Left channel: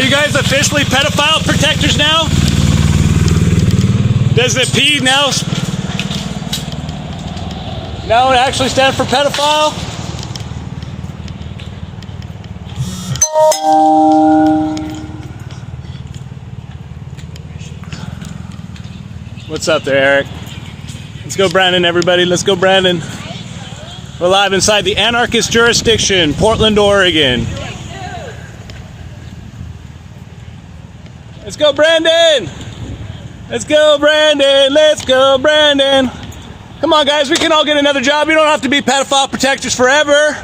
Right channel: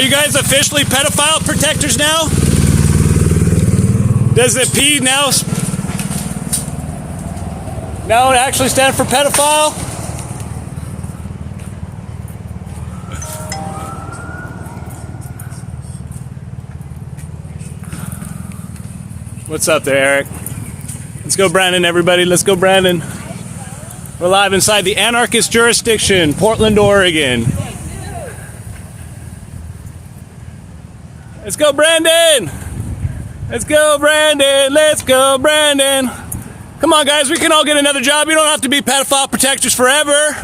Are you guys officially pedophile protectors now? Does the P now actually stand for pedophile? What's up there, Eric? Let's go, Brandon, everybody. Let's go, Brandon. We're live inside the anarchist jurisdiction, Portland, Oregon. Let's go, Brandon! Let's go, Brandon! Let's go, Brandon! Come on, guys, we can all get another job. You don't have to be pedophile protectors forever.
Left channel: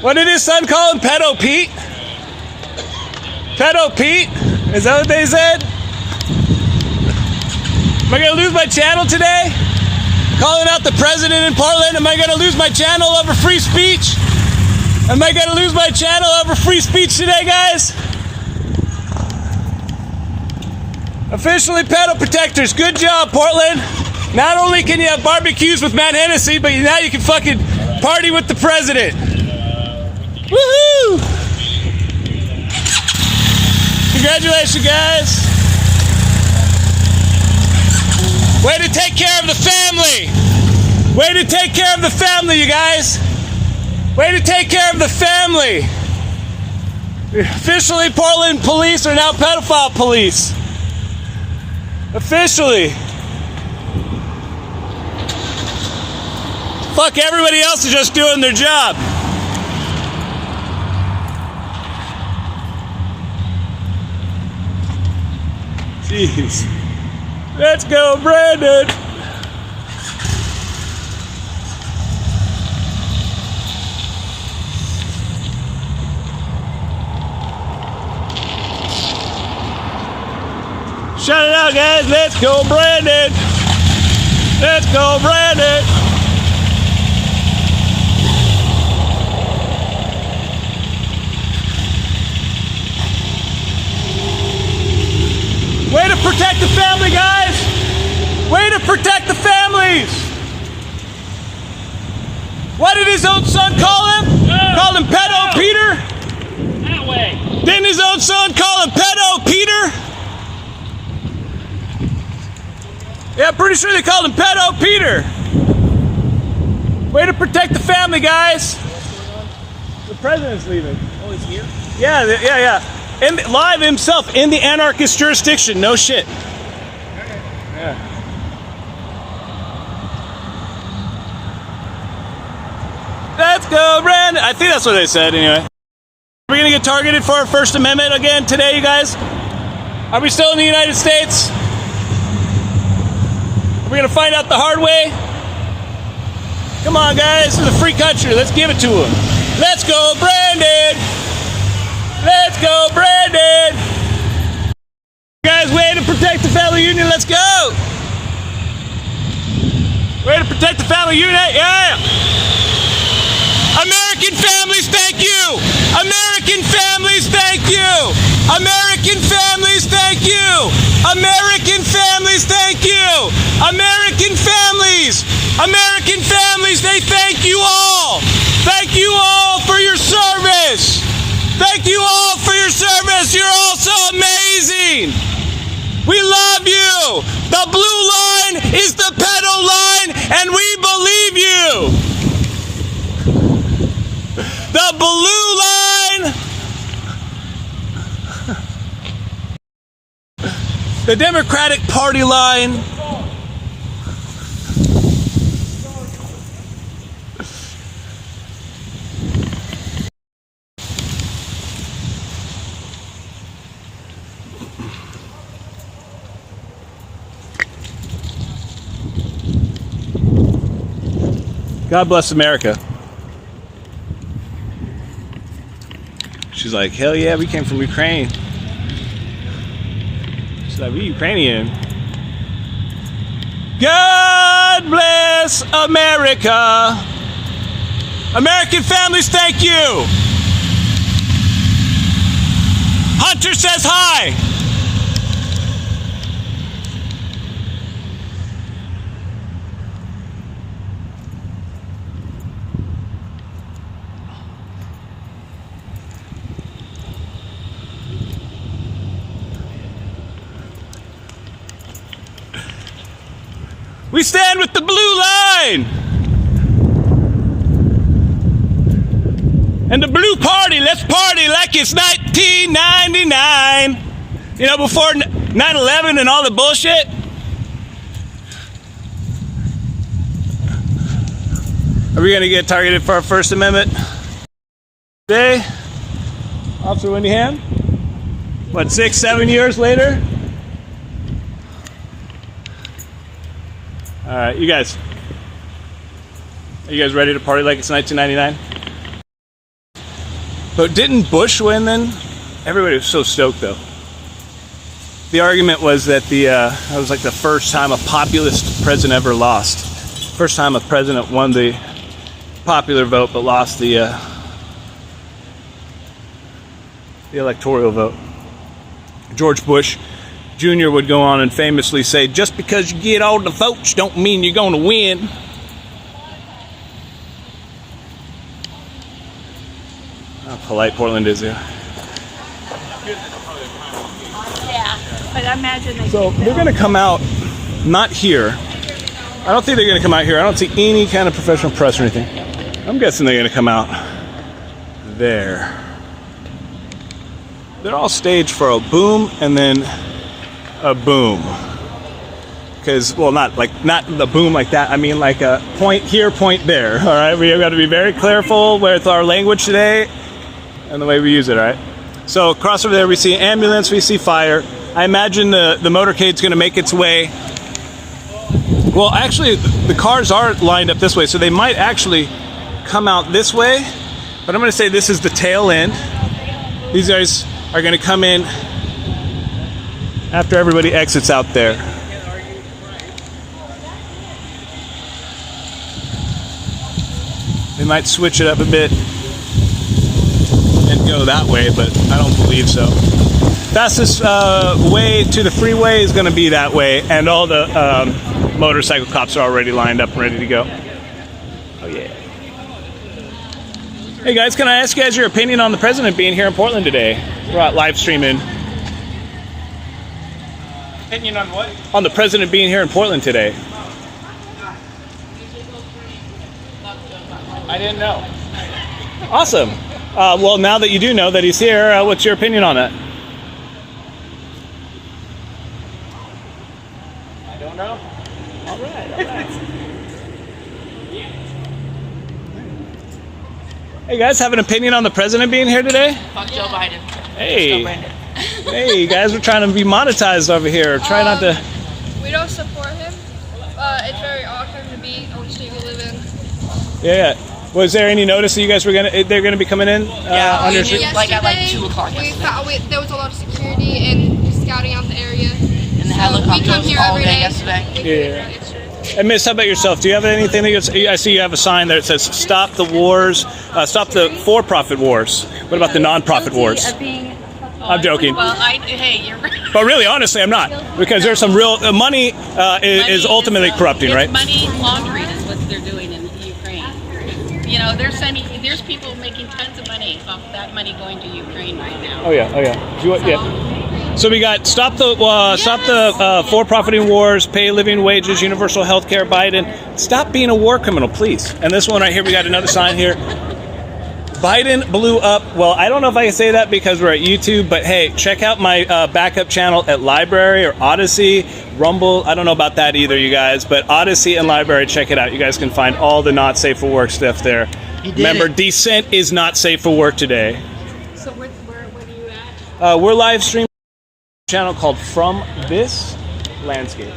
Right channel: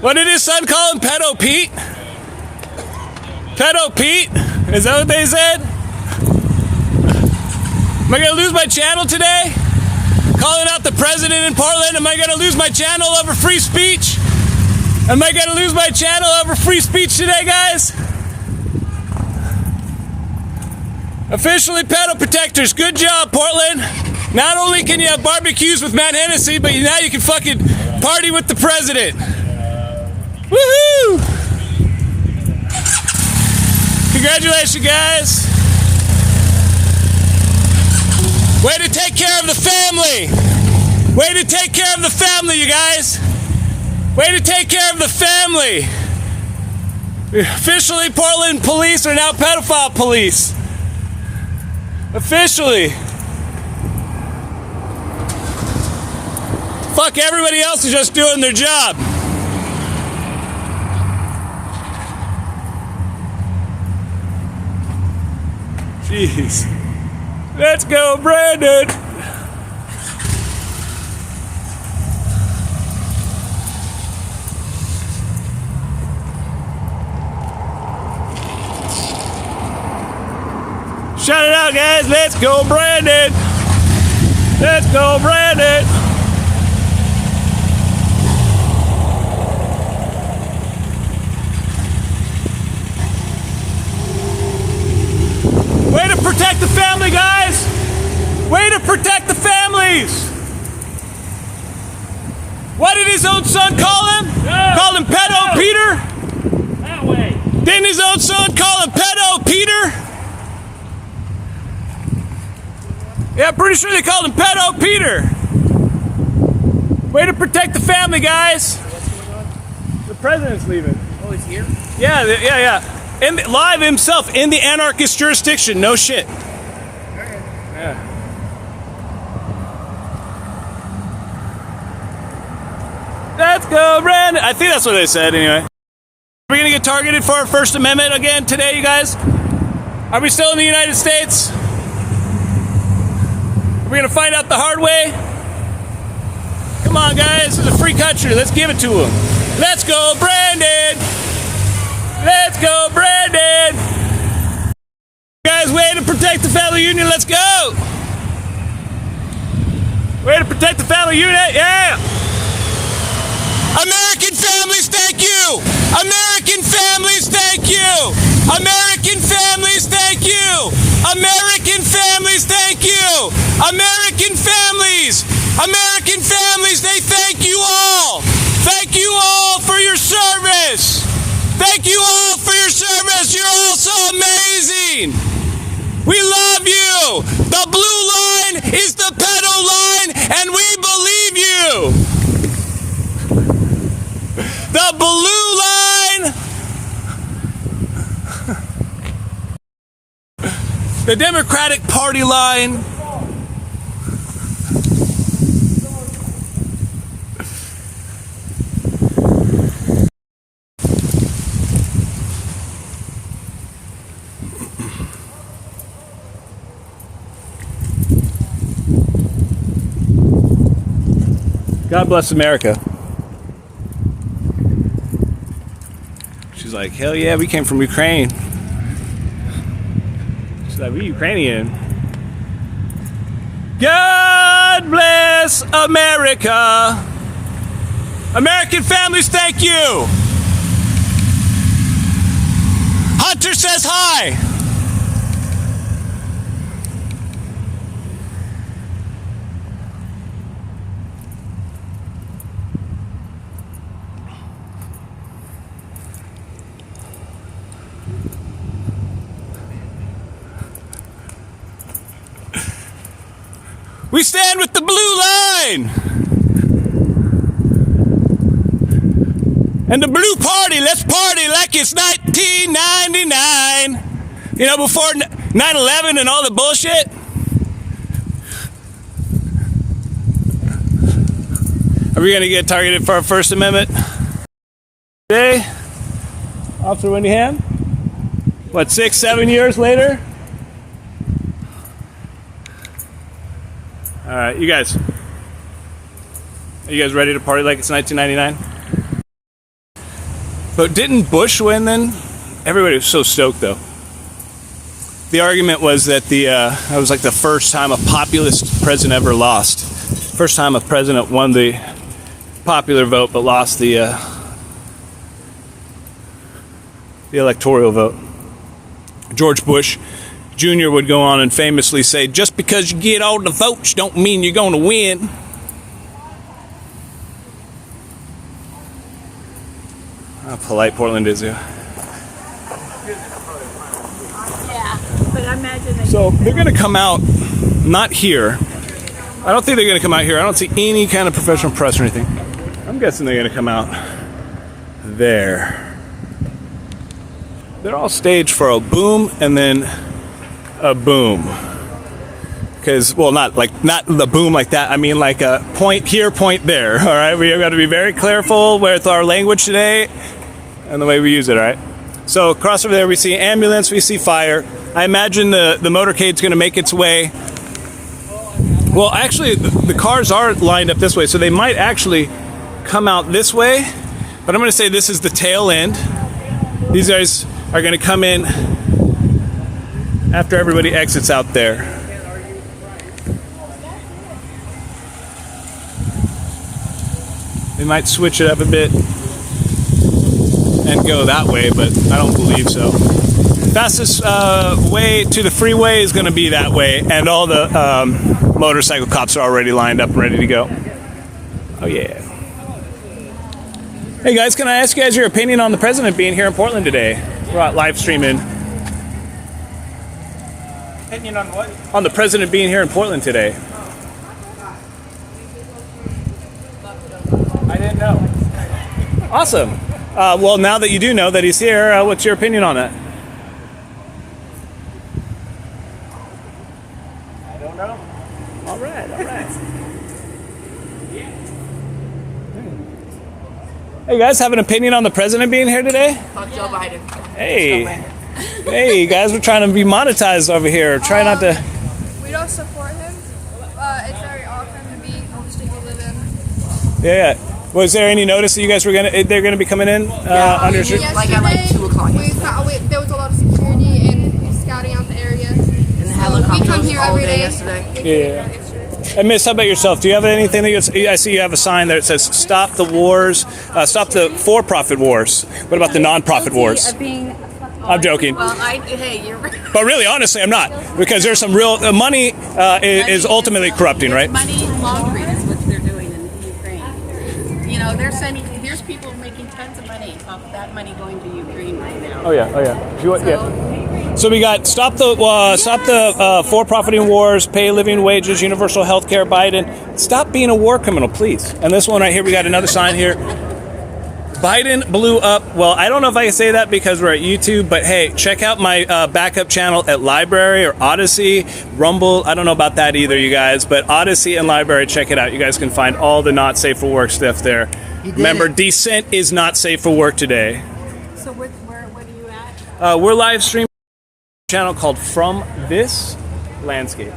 What did his son call him? Pedo Pete? Pedo Pete? Is that what they said? Am I gonna lose my channel today? Calling out the president in Portland? Am I gonna lose my channel over free speech? Am I gonna lose my channel over free speech today, guys? Officially pedo protectors. Good job, Portland. Not only can you have barbecues with Matt Hennessy, but now you can fucking party with the president. Woohoo! Congratulations, guys. Way to take care of the family. Way to take care of the family, you guys. Way to take care of the family. Officially, Portland police are now pedophile police. Officially. Fuck, everybody else is just doing their job. Jeez. Let's go, Brandon. Shout it out, guys. Let's go, Brandon. Let's go, Brandon. Way to protect the family, guys. Way to protect the families. What did his own son call him? Yeah. Called him Pedo Peter? That way. Didn't his own son call him Pedo Peter? Yeah, I'm pretty sure they called him Pedo Peter. Way to protect the family, guys. What's going on? The president's leaving. Oh, he's here? Yeah. And live himself in the anarchist jurisdiction. No shit. Yeah. Let's go, Brandon. I think that's what they said anyway. Are we gonna get targeted for our First Amendment again today, you guys? Are we still in the United States? We're gonna find out the hard way. Come on, guys, this is a free country. Let's give it to them. Let's go, Brandon. Let's go, Brandon. Guys, way to protect the family union. Let's go. Way to protect the family unit. Yeah. American families, thank you. American families, thank you. American families, thank you. American families, thank you. American families, they thank you all. Thank you all for your service. Thank you all for your service. You're all so amazing. We love you. The blue line is the pedo line, and we believe you. The blue line. The Democratic Party line. God bless America. She's like, hell yeah, we came from Ukraine. She's like, we Ukrainian. God bless America. American families, thank you. Hunter says hi. We stand with the blue line. And the blue party, let's party like it's 1999. You know, before 9/11 and all the bullshit. Are we going to get targeted for our First Amendment? Today, Officer Wendy Ham? What, 6, 7 years later? All right, you guys. Are you guys ready to party like it's 1999? But didn't Bush win then? Everybody was so stoked though. The argument was that that was like the first time a populist president ever lost. First time a president won the popular vote but lost the electoral vote. George Bush Jr. would go on and famously say, just because you get all the votes don't mean you're going to win. How polite Portland is here. Yeah, but I imagine they. So they're going to come out, not here. I don't think they're going to come out here. I don't see any kind of professional press or anything. I'm guessing they're going to come out there. They're all staged for a boom and then a boom. Because, well, not the boom like that. I mean like a point here, point there. All right, we have got to be very careful with our language today and the way we use it, all right? So across over there we see ambulance, we see fire. I imagine the motorcade's going to make its way. Well, actually, the cars are lined up this way, so they might actually come out this way. But I'm going to say this is the tail end. These guys are going to come in after everybody exits out there. They might switch it up a bit and go that way, but I don't believe so. Fastest way to the freeway is going to be that way, and all the motorcycle cops are already lined up and ready to go. Oh yeah. Hey guys, can I ask you guys your opinion on the president being here in Portland today? We're live streaming. Opinion on what? On the president being here in Portland today. I didn't know. Awesome. Well, now that you do know that he's here, what's your opinion on that? I don't know. All right, all right. Hey guys, have an opinion on the president being here today? Fuck Joe Biden. Hey. Hey guys, we're trying to be monetized over here. Try not to. We don't support him. It's very awesome to be on the state we live in. Yeah. Was there any notice that you guys were they're gonna be coming in? Under Like at like 2 o'clock yesterday. There was a lot of security and scouting out the area. And the helicopter we come here all every day day. yesterday. Yeah. And Miss, how about yourself? Do you have anything that I see you have a sign there that says "Stop the wars, stop the for-profit wars"? What about the non-profit wars? I'm joking. Well, hey, you're right. But really, honestly, I'm not, because there's some real money is ultimately corrupting, it's right? Money laundering is what they're doing in Ukraine. You know, there's people making tons of money off that money going to Ukraine right now. Oh yeah, oh yeah. So we got stop the for-profiting wars, pay living wages, universal health care, Biden. Stop being a war criminal, please. And this one right here, we got another sign here. Biden blew up. Well, I don't know if I can say that because we're at YouTube, but hey, check out my backup channel at Library or Odyssey, Rumble. I don't know about that either, you guys, but Odyssey and Library, check it out. You guys can find all the not safe for work stuff there. Remember, dissent is not safe for work today. So where are you at? We're live streaming a channel called From This Landscape.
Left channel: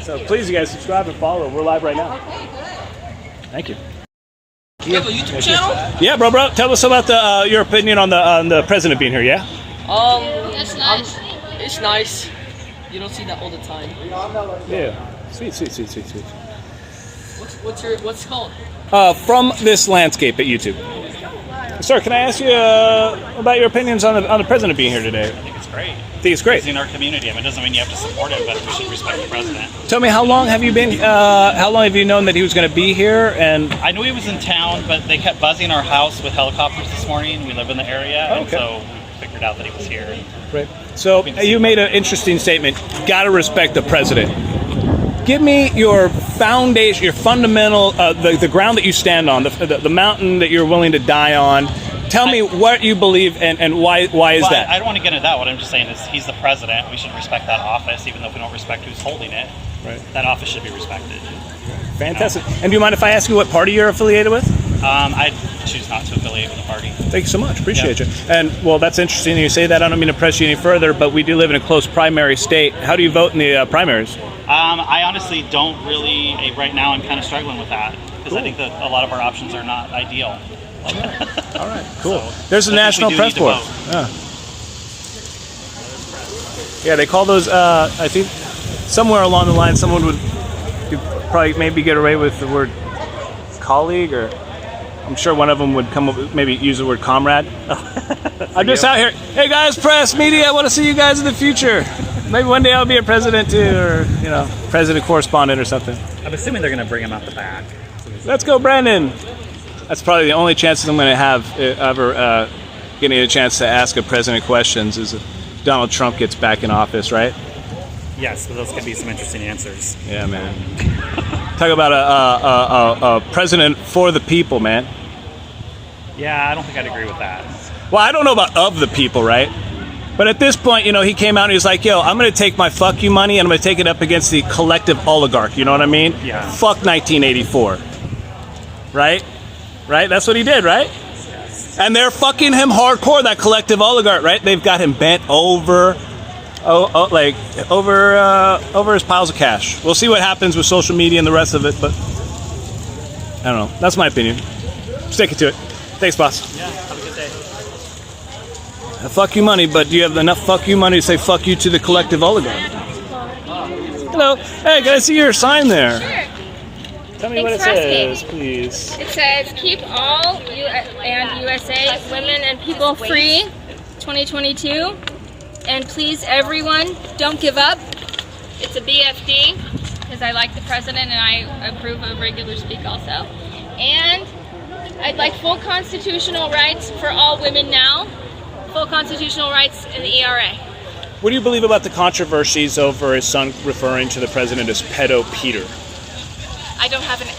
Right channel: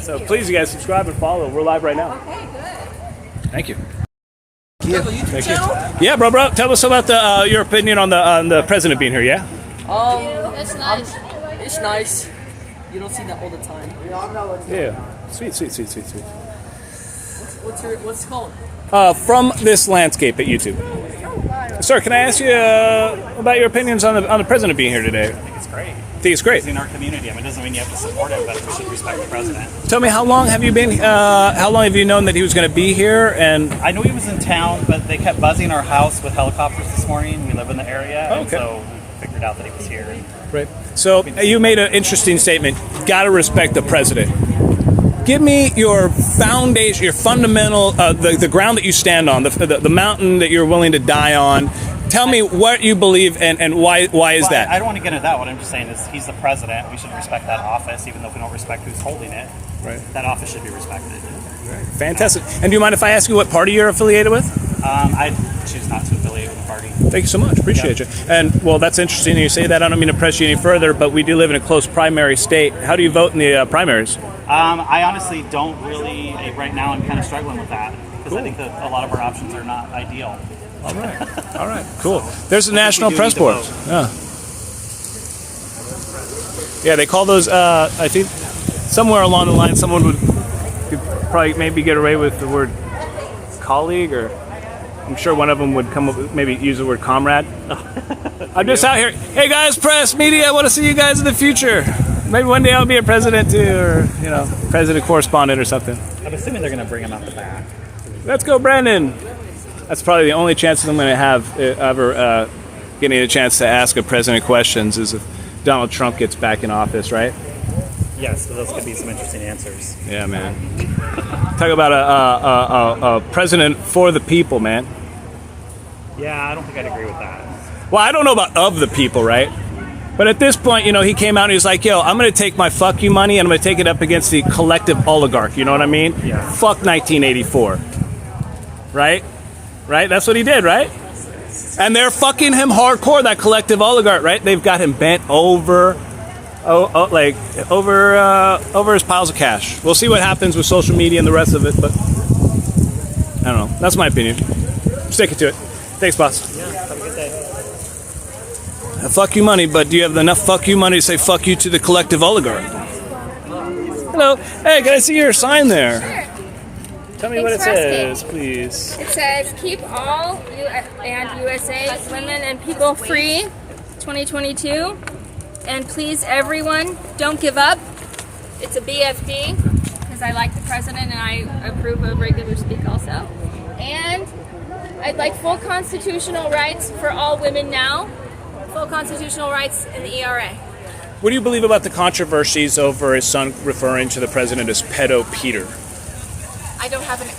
So please, you guys, subscribe and follow. We're live right now. Thank you. You have a YouTube channel? Yeah, bro. Tell us about your opinion on the president being here. Yeah. That's nice. It's nice. You don't see that all the time. Yeah. Sweet. What's it called? From This Landscape at YouTube. Sir, can I ask you about your opinions on the president being here today? I think it's great. Think it's great. He's in our community. I mean, it doesn't mean you have to support him, but we should respect the president. Tell me, how long have you been? How long have you known that he was going to be here? And I knew he was in town, but they kept buzzing our house with helicopters this morning. We live in the area, and so we figured out that he was here. right. So you made an interesting statement. Got to respect the president. give me your foundation, your fundamental, the ground that you stand on, the mountain that you're willing to die on. Tell me what you believe and why is Well, that? I don't want to get into that. What I'm just saying is he's the president. We should respect that office, even though we don't respect who's holding it. Right. That office should be respected. Fantastic. And do you mind if I ask you what party you're affiliated with? I choose not to affiliate with a party. Thank you so much. Appreciate you. And, well, that's interesting that you say that. I don't mean to press you any further, but we do live in a close primary state. How do you vote in the primaries? I honestly don't really, right now I'm kind of struggling with that because I think that a lot of our options are not ideal. All right. Cool. So, There's a I think national we do press need to board. vote. Yeah, they call those, I think, somewhere along the line, someone could probably maybe get away with the word colleague, or I'm sure one of them would come up with, maybe use the word comrade. I'm just out here. Hey guys, press, media, I want to see you guys in the future. Maybe one day I'll be a president too, or, president correspondent or something. I'm assuming they're going to bring him out the back. Let's go, Brandon. That's probably the only chances I'm going to have ever getting a chance to ask a president questions is if Donald Trump gets back in office, right? Yes, but those could be some interesting answers. Yeah, man. Talk about a president for the people, man. Yeah, I don't think I'd agree with that. Well, I don't know about of the people, right? But at this point, he came out and he was like, yo, I'm going to take my fuck you money and I'm going to take it up against the collective oligarch. You know what I mean? Yeah. Fuck 1984. Right? Right? That's what he did, right? And they're fucking him hardcore, that collective oligarch, right? They've got him bent over, over his piles of cash. We'll see what happens with social media and the rest of it, but I don't know. That's my opinion. Sticking to it. Thanks, boss. Yeah, have a good day. Fuck you money, but do you have enough fuck you money to say fuck you to the collective oligarch? Hello. Hey, can I see your sign there? Sure. Tell me what it says, please. It says, keep all and USA women and people free, 2022. And please, everyone, don't give up. It's a BFD, because I like the president and I approve of regular speak also. And I'd like full constitutional rights for all women now. Full constitutional rights in the ERA. What do you believe about the controversies over his son referring to the president as pedo Peter? I don't have an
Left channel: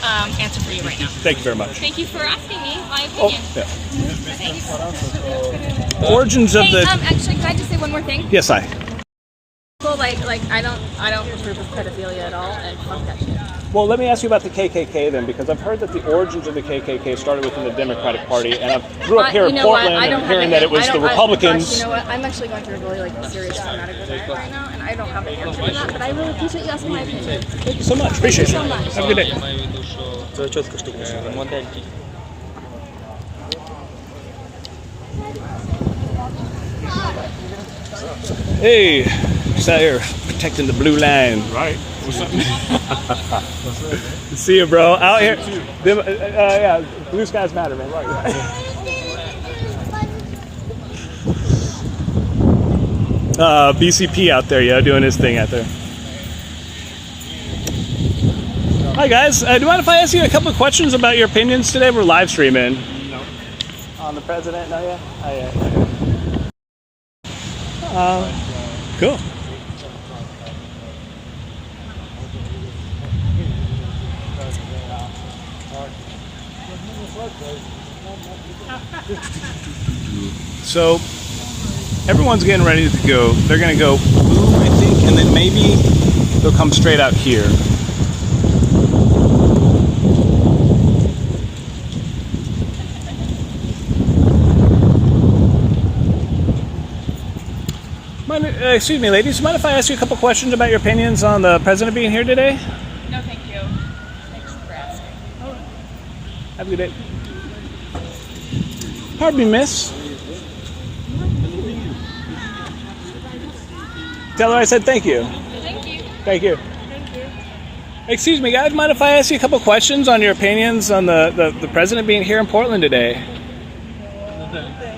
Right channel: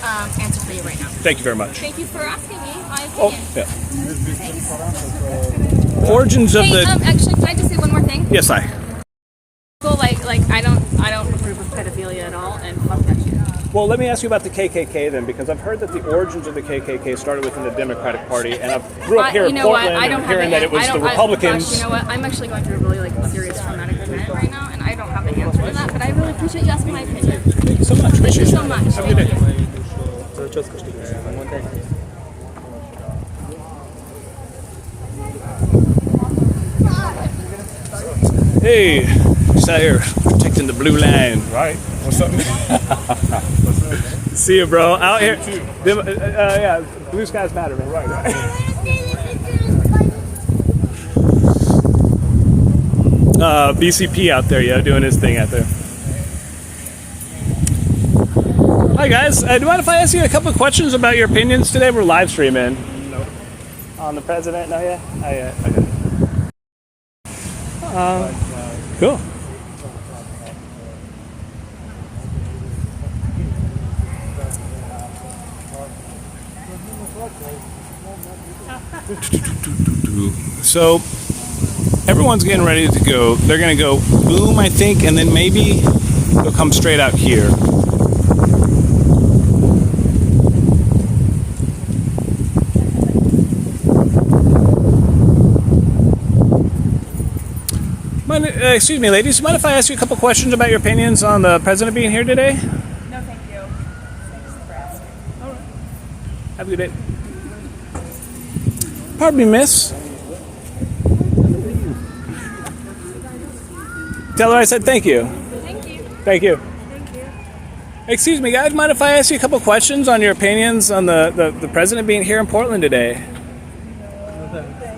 answer for you right now. Thank you very much. Thank you for asking me my opinion. Yeah. Thanks. Origins of the... Actually, can I just say one more thing? Yes, I. I don't approve of pedophilia at all, and fuck that shit. Well, let me ask you about the KKK then, because I've heard that the origins of the KKK started within the Democratic Party, and I grew up here in Portland and hearing that it was the Republicans. Gosh, you know what? I'm actually going through a really serious traumatic event right now, and I don't have an answer for that, but I really appreciate you asking my opinion. Thank you so much. Appreciate it. Thank you so much. Have a good day. Hey, just out here protecting the blue line. Right. What's up? See you, bro. Out here. Yeah, blue skies matter, man. Right. BCP out there, doing his thing out there. Hi, guys. Do you mind if I ask you a couple of questions about your opinions today? We're live streaming. No. On the president? No, yeah? Okay. Cool. So everyone's getting ready to go. They're going to go boom, I think, and then maybe they'll come straight out here. Excuse me, ladies. Mind if I ask you a couple questions about your opinions on the president being here today? No, thank you. Thanks for asking. All right. Have a good day. Pardon me, miss. Tell her I said thank you. Thank you. Thank you. Thank you. Excuse me, guys. Mind if I ask you a couple questions on your opinions on the president being here in Portland today?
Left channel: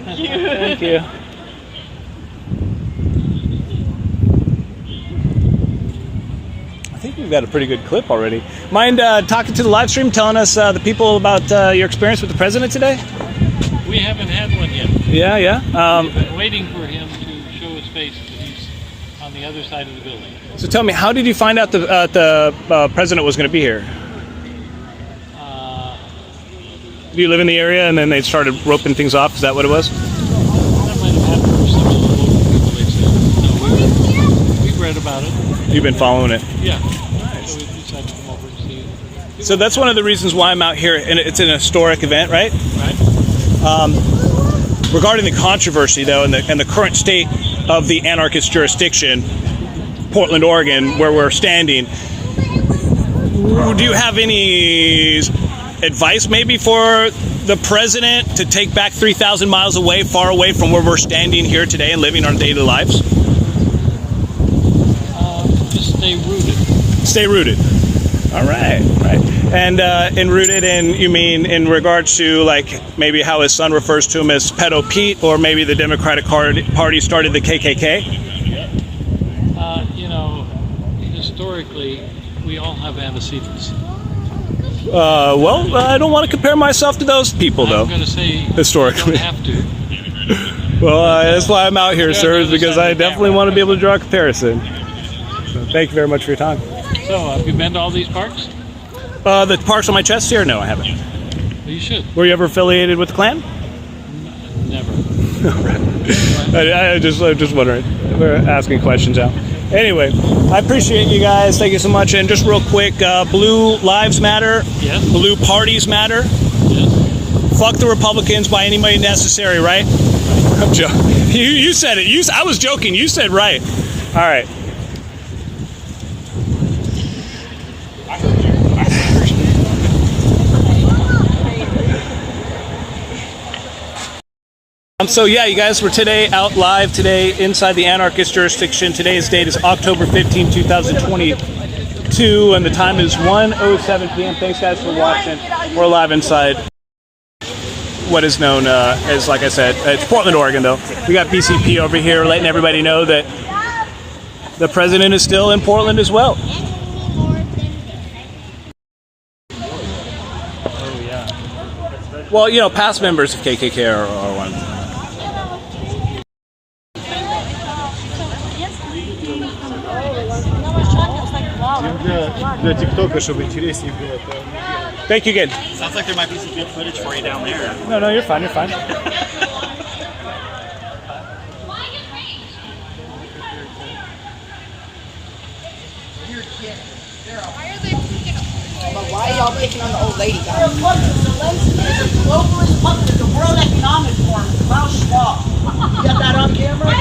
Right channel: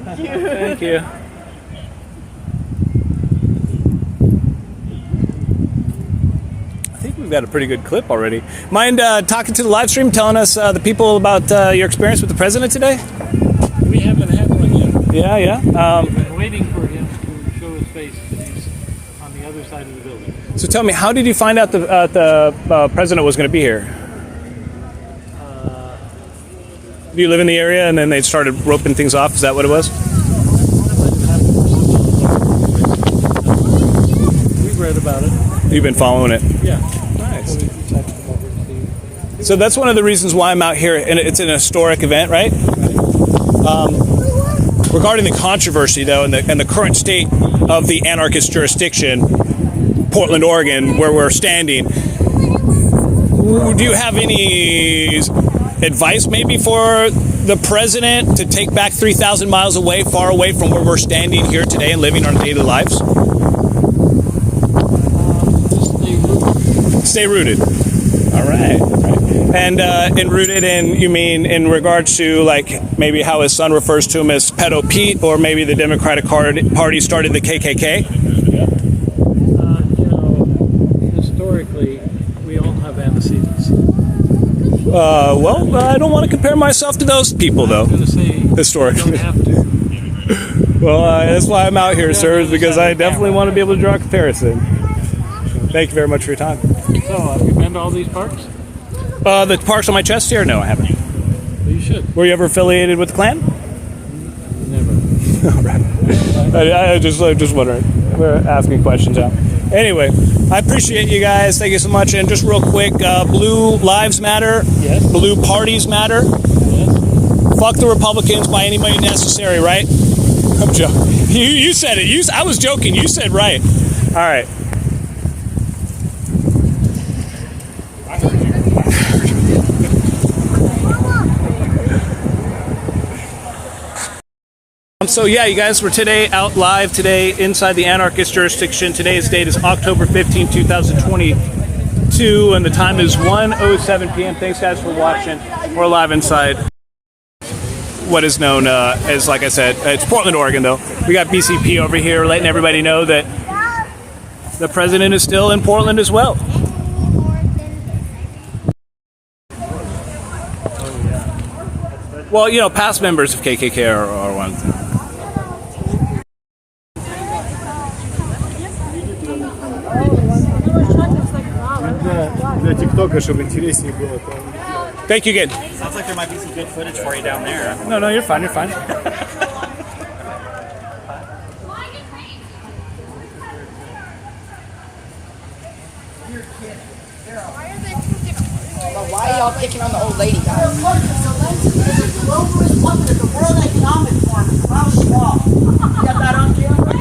Thank you. Thank you. I think we've got a pretty good clip already. Mind talking to the live stream, telling us the people about your experience with the president today? We haven't had one yet. Yeah. We've been waiting for him to show his face, but he's on the other side of the building. So tell me, how did you find out the president was going to be here? Do you live in the area and then they started roping things off? Is that what it was? That might have happened for some of the local population. No, we've read about it. You've been following it. Yeah. So we decided to come over and see. So that's one of the reasons why I'm out here, and it's an historic event, right? Right. Regarding the controversy, though, and the current state of the anarchist jurisdiction, Portland, Oregon, where we're standing, do you have any advice maybe for the president to take back 3,000 miles away, far away from where we're standing here today and living our daily lives? Just stay rooted. Stay rooted. All right, right. And in rooted in, you mean in regards to like maybe how his son refers to him as Pedo Pete, or maybe the Democratic Party started the KKK? You know, historically, we all have antecedents. Well, I don't want to compare myself to those people, though. I'm going to say historically. you don't have to. Well, that's why I'm out here, sir, is because I definitely want to be able to draw a comparison. So thank you very much for your time. So, have you been to all these parks? The parks on my chest here? No, I haven't. Well, you should. Were you ever affiliated with the Klan? Never. All right. I'm just wondering. We're asking questions out. Anyway, I appreciate you guys. Thank you so much. And just real quick, Blue Lives Matter. Yes. Blue Parties Matter. Yes. Fuck the Republicans by any means necessary, right? I'm joking. You said it. I was joking. You said right. All right. So yeah, you guys, we're today out live today inside the anarchist jurisdiction. Today's date is October 15, 2022, and the time is 1:07 p.m. Thanks guys for watching. We're live inside what is known as, like I said, it's Portland, Oregon though. We got BCP over here letting everybody know that the president is still in Portland as well. Well, you know, past members of KKK are one. Thank you, good. Sounds like there might be some good footage for you down there. No, you're fine, you're fine. Why are y'all picking on the old lady? Zelensky is a globalist puppet of the World Economic Forum. Klaus Schwab. You got that on camera? All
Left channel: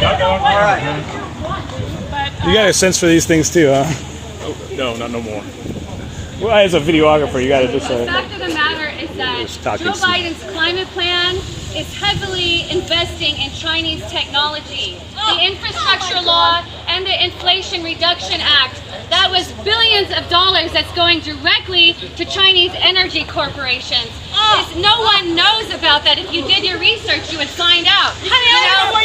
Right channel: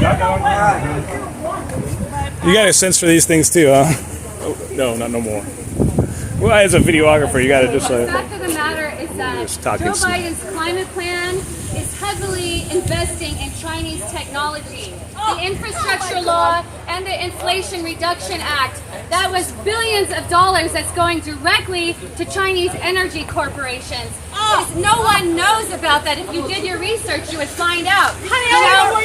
right. You got a sense for these things too, huh? No, not no more. Well, as a videographer, you got to just. The fact of the matter is that Joe Biden's climate plan is heavily investing in Chinese technology. The infrastructure law and the Inflation Reduction Act, that was billions of dollars that's going directly to Chinese energy corporations. No one knows about that. If you did your research, you would find out. Furthermore,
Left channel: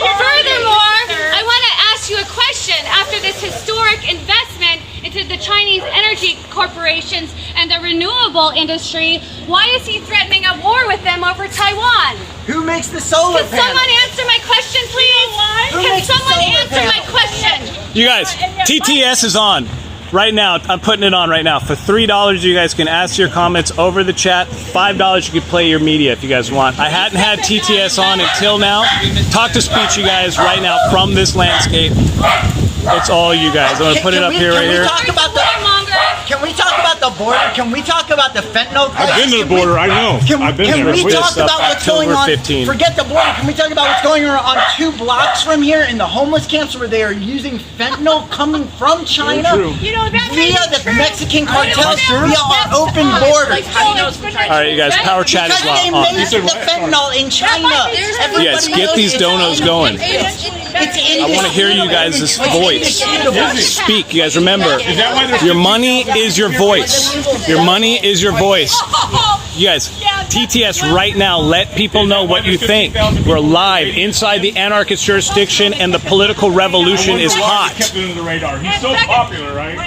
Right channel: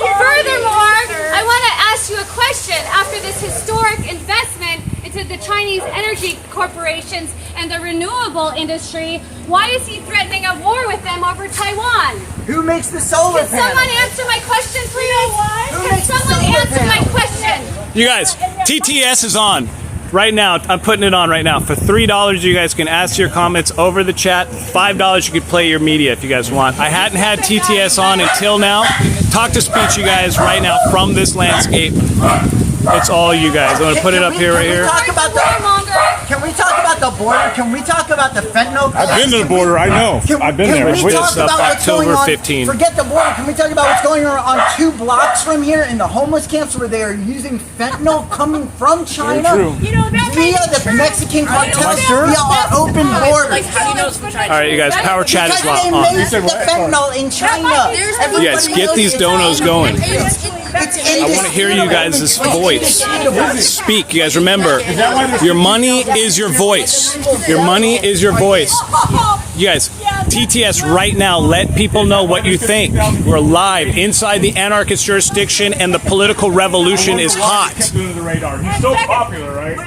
I want to ask you a question. After this historic investment into the Chinese energy corporations and the renewable industry, why is he threatening a war with them over Taiwan? Who makes the solar Can someone answer my question, please? Can someone answer my question? You guys, TTS is on right now. I'm putting it on right now. For $3, you guys can ask your comments over the chat. $5, you can play your media if you guys want. I hadn't had TTS on until now. Talk to speech, you guys, right now from this landscape. It's all you guys. I'm going to put it up here, right here. Can we talk about the border? Can we talk about the fentanyl crisis? I've been to the border, I know. I've been there. Can we talk about what's going on? Forget the border. Can we talk about what's going on 2 blocks from here in the homeless camps where they are using fentanyl coming from China via the Mexican cartels via our open borders? All right, you guys, power chat is Because they on. made the fentanyl in China. Yes, get these donos going. I want to hear you guys' voice. Speak, you guys. Remember, your money is your voice. Your money is your voice. You guys, TTS right now, let people know what you think. We're live inside the anarchist jurisdiction, and the political revolution is hot. He's so popular, right?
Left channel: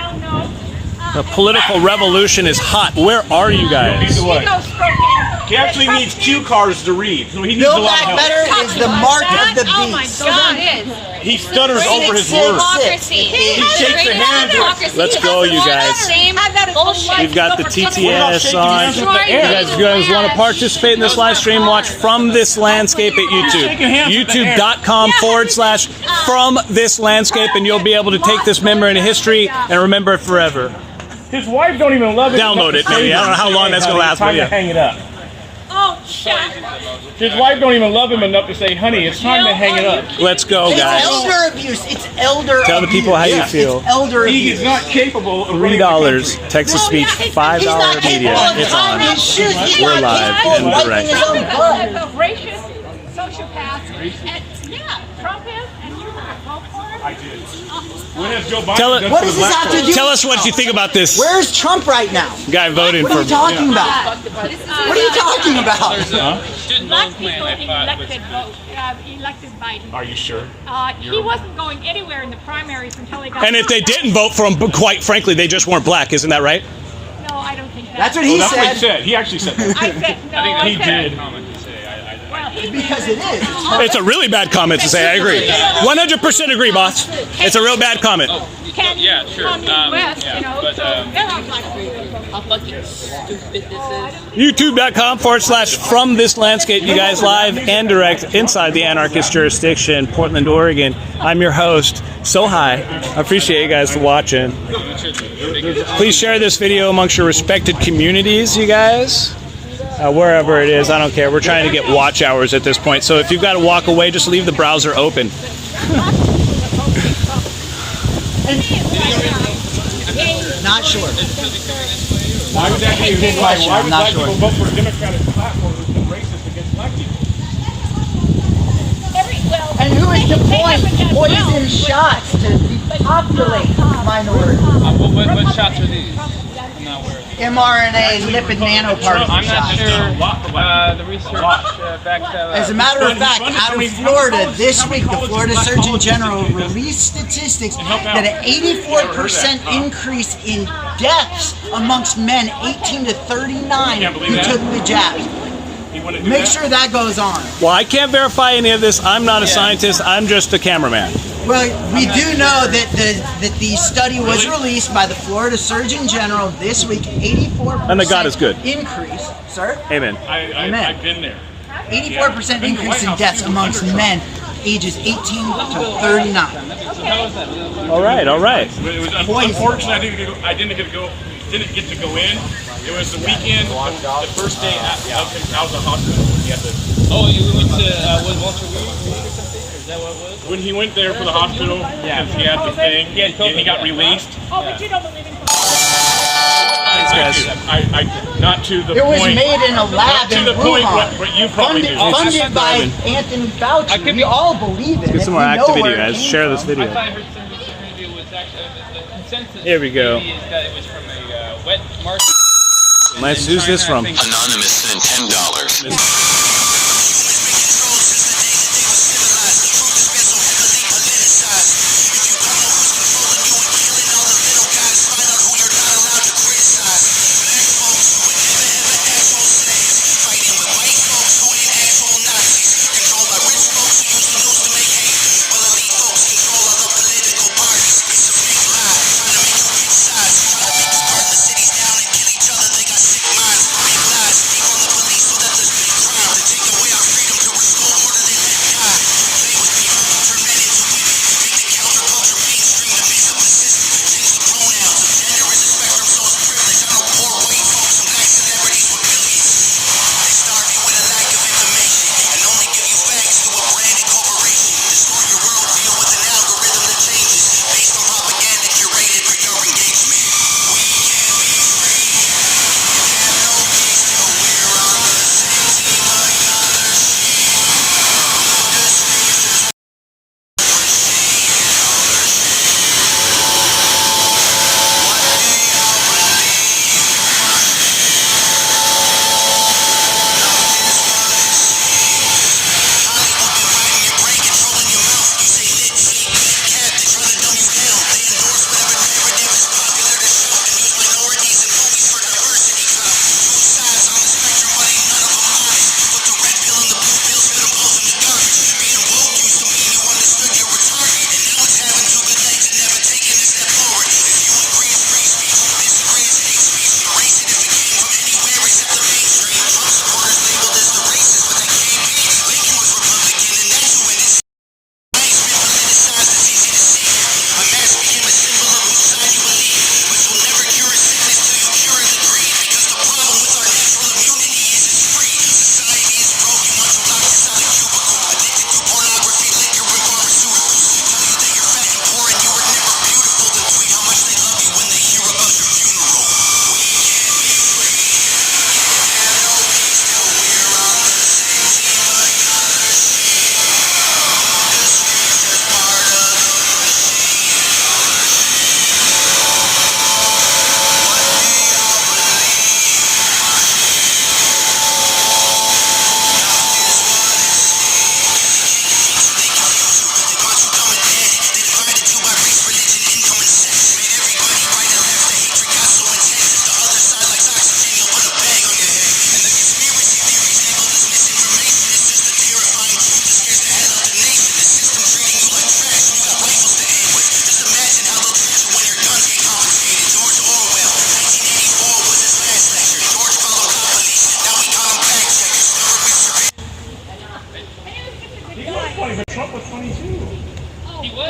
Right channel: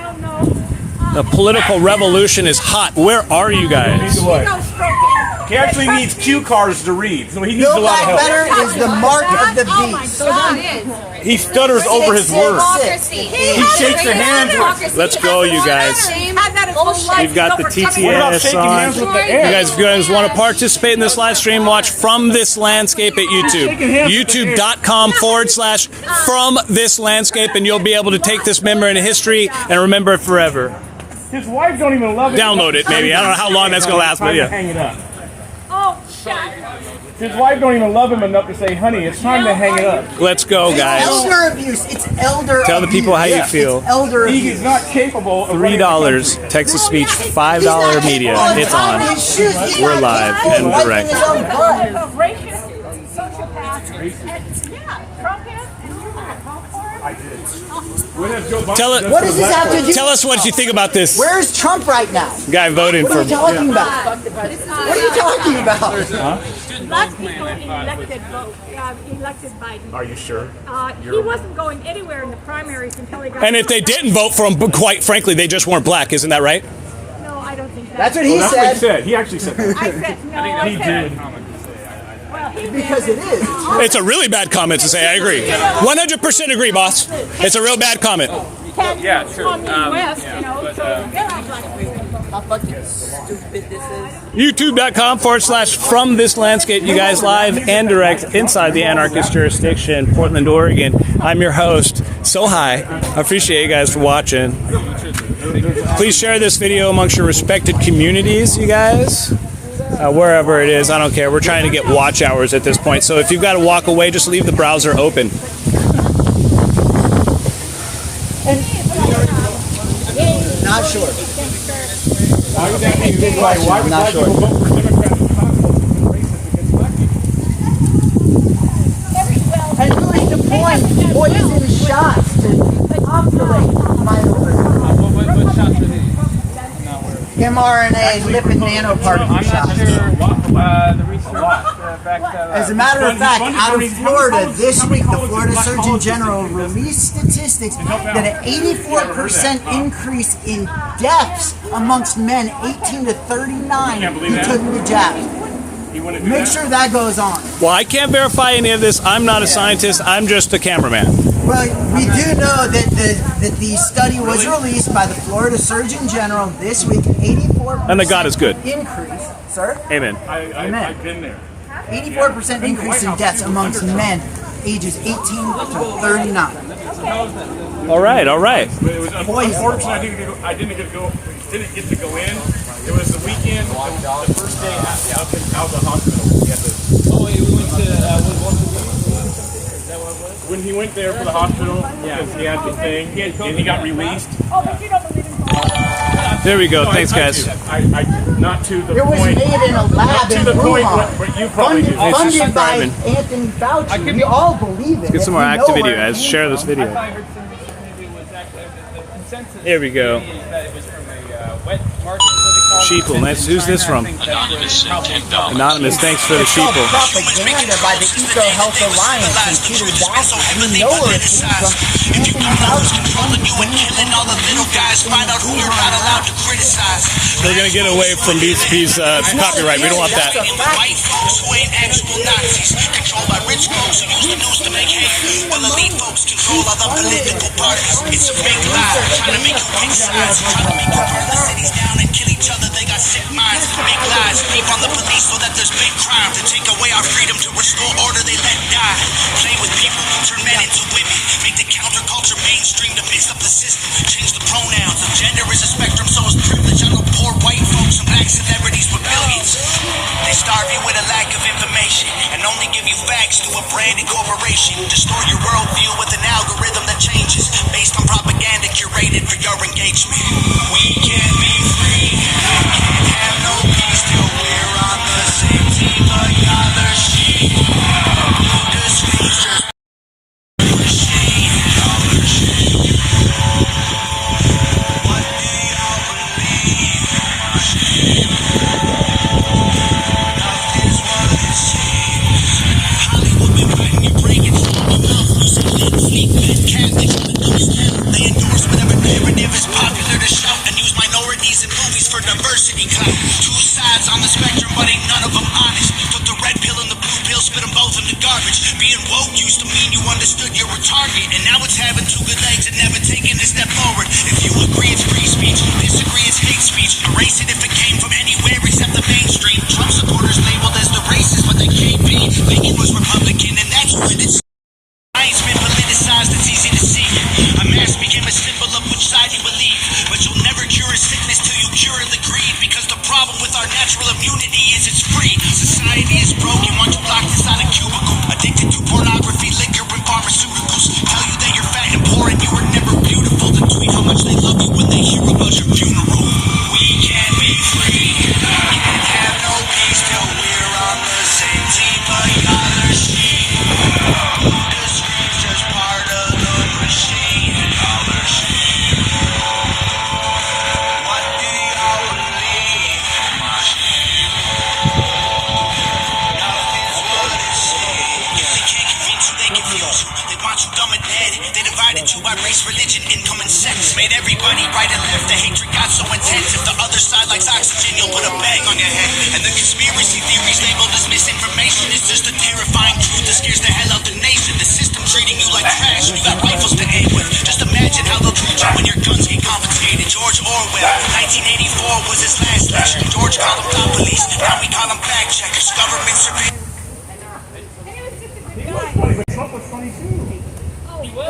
The political revolution is hot. Where are you guys? He actually needs cue cards to read. So he needs a Build lot Back of help. Better is the mark of the Oh my beast. God. He stutters over his words. Democracy. He shakes your hand. Let's go, you guys. Same bullshit. We've got the TTS on. You guys want to participate in this live stream? Watch From This Landscape at YouTube. YouTube.com/From This Landscape, and you'll be able to take this memory into history and remember it forever. His wife don't even love it. Download it, maybe. I don't know how long that's gonna last, but Time yeah. to hang it up. Oh, shit. His wife don't even love him enough to say, honey, it's time to hang it up. Let's go, It's guys. elder abuse. It's elder Tell the abuse. people how you feel. It's elder He abuse. is not capable of $3, text-to-speech, $5 media. It's on. His shoes. He's We're not live capable and of wiping direct. his own butt. A racist sociopath. And, yeah, Trump is, and you vote for him? I did. What has Joe Biden Tell done it- What for the does this black have to folks? do? Tell us what you think about this Where's Trump right now? guy voting What are for. you talking about? What are you talking about? Black people elected Biden. Are you sure? He wasn't going anywhere in the primaries until he got. And if they didn't vote for him, quite frankly, they just weren't black. Isn't that right? No, I don't think that. That's what he That's what he said. said. He actually said that. I said no. He did. Well, he Because it is. It's a really bad comment to say. I agree. 100% agree, boss. It's a real bad comment. yeah, sure. West, you know, so they're not black people. How fucking stupid this is. YouTube.com/From This Landscape. You guys live and direct inside the anarchist jurisdiction, Portland, Oregon. I'm your host. So hi. I appreciate you guys for watching. Please share this video amongst your respected communities, you guys. Wherever it is, I don't care. We're trying to get watch hours at this point. So if you've got to walk away, just leave the browser open. Not sure. Why would that be a good question. Why I'm would not black sure. people vote for Democrats and not vote for racist against black people? And who is deploying poison shots to depopulate minorities? What shots are these? mRNA lipid nanoparticle shots. The research backs As a matter of fact, out of Florida this week, the Florida Surgeon General released statistics that an 84% increase in deaths amongst men 18 to 39 who took the jabs. Make sure that goes on. Well, I can't verify any of this. I'm not a scientist. I'm just a cameraman. Well, we do know that the study was released by the Florida Surgeon General this week. 84% And that God is good. increase, sir. Amen. Amen. I've been there. 84% increase in deaths amongst men ages 18 to 39. All right, all right. But it was unfortunate. I didn't get to go in. It was the weekend, the first day out of the hospital. Oh, you went to Walter Reed? Is that what it was? When he went there for the hospital, because he had the thing, and he got released. Oh, but you don't believe in God. There we go. Thanks, guys. I not to the It was point. made in a lab Not to in the point Wuhan. what you probably do. It's just Funded by driving. Anthony Fauci. We all believe it. Get some more activity, guys. Share this video. Here we go. That it was from a wet market. Sheeple. Nice. Who's this from? Anonymous. Thanks for the sheeple. Propaganda by the Eco Health Alliance and Peter Daszak. You know where it came from. Anthony Fauci funded 2020. They're gonna get away from these copyright. We don't want that. Destroy your worldview with an algorithm that changes based on propaganda curated for your engagement.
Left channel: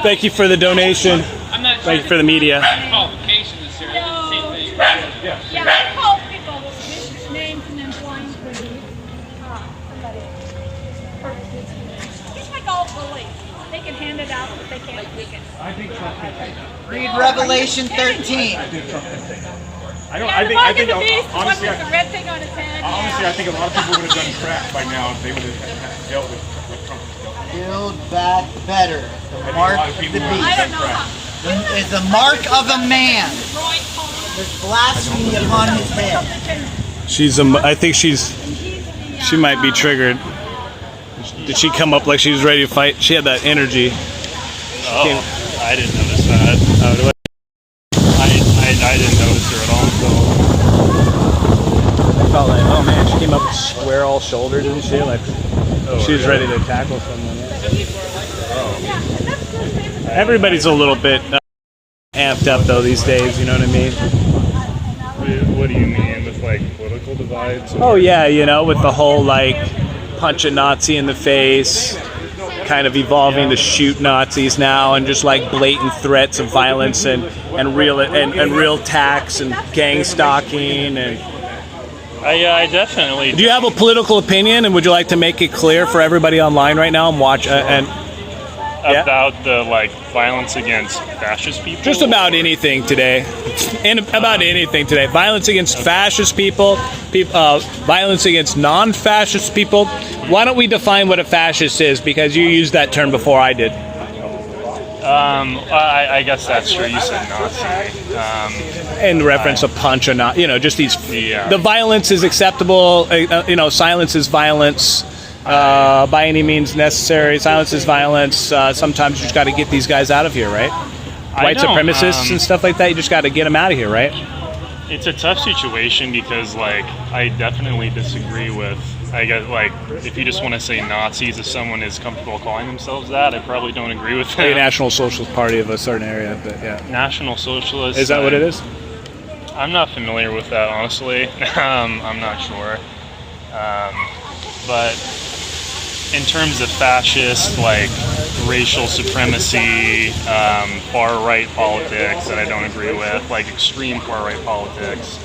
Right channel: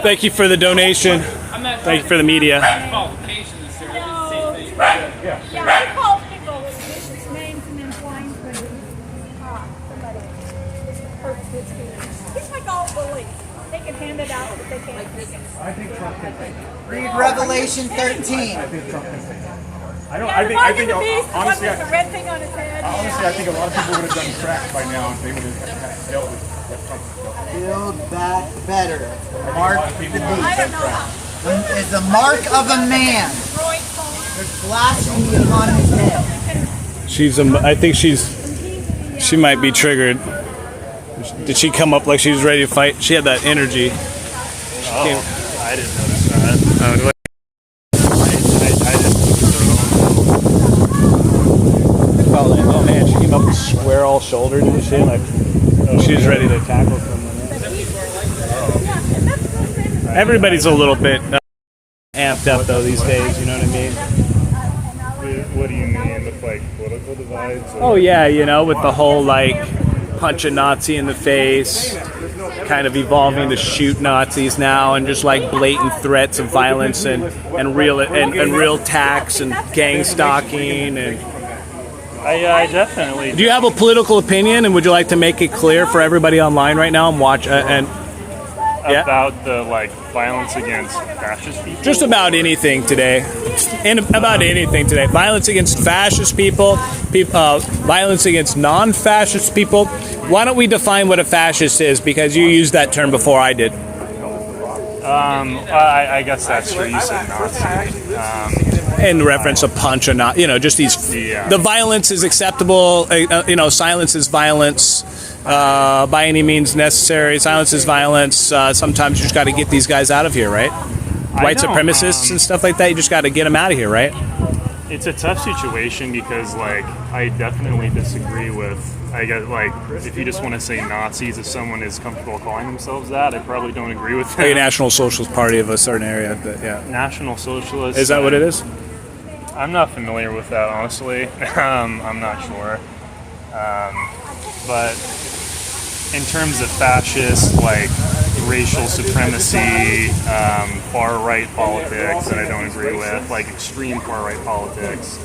Thank you for the donation. Thank you for the media. Yeah, I call people with vicious names and then blind with It's like all bullies. They can hand it out, but they can't take it. I think Trump can take it. Read Revelation 13. I think Trump can take it. I think the beast, the one with the red thing on his head. Honestly, I think a lot of people would have done crap by now if they would have dealt with what Trump was. Build back better. The mark of the I don't beast know. is the mark of a man. Roy Cohn. There's blasphemy upon his head. I think she might be triggered. Did she come up like she was ready to fight? She had that energy. Oh, I didn't notice that. Oh, do I I didn't notice her at all. felt like, oh man, she came up square all shouldered and shit. Like she was ready to tackle someone. Everybody's a little bit amped up though these days. You know what I mean? What do you mean with like political divides? Oh yeah, you know, with the whole like punch a Nazi in the face, kind of evolving to shoot Nazis now, and just like blatant threats of violence and real attacks and gang stalking and. I definitely. Do you have a political opinion, and would you like to make it clear for everybody online right now and watch About the like violence against fascist people? Just about anything today. About anything today. Violence against fascist people, violence against non-fascist people. Why don't we define what a fascist is? Because you used that term before I did. I guess that's true. You said Nazi. In reference to punch or not, just these. Yeah. The violence is acceptable. Silence is violence. By any means necessary. Silence is violence. Sometimes you just got to get these guys out of here, right? White supremacists and stuff like that. You just got to get them out of here, right? It's a tough situation because, like, I definitely disagree with. I guess, like, if you just want to say Nazis, if someone is comfortable calling themselves that, I probably don't agree with that. A National Socialist Party of a certain area, but yeah. National Socialist. Is that what it is? I'm not familiar with that, honestly. I'm not sure. But in terms of fascist, like racial supremacy, far-right politics that I don't agree with, like extreme far-right politics,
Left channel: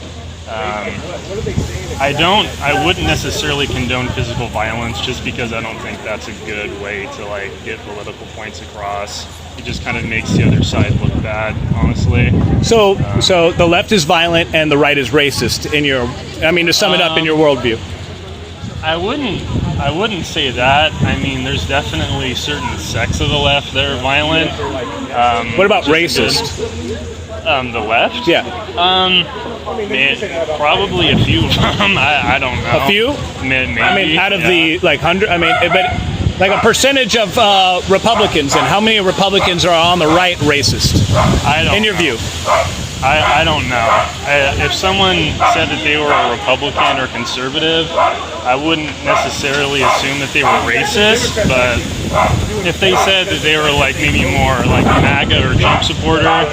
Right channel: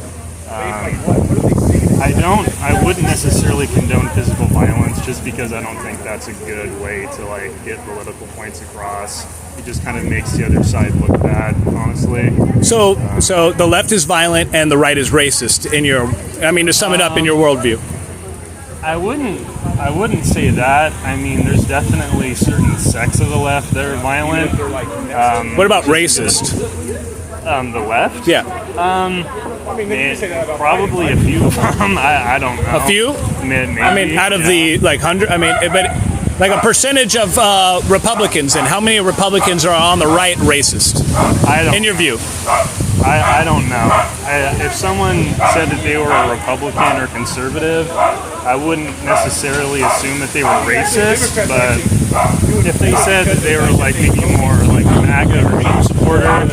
I wouldn't necessarily condone physical violence just because I don't think that's a good way to like get political points across. It just kind of makes the other side look bad, honestly. So the left is violent and the right is racist to sum it up in your worldview. I wouldn't say that. I mean, there's definitely certain sects of the left that are violent. What about racist? The left? Yeah. Probably a few of them. I don't know. A few? Maybe. I mean, out of the like 100. I mean, but like a percentage of Republicans, and how many Republicans are on the right racist? I don't. In your view? I don't know. If someone said that they were a Republican or conservative, I wouldn't necessarily assume that they were racist, but if they said that they were like maybe more like a MAGA or Trump supporter,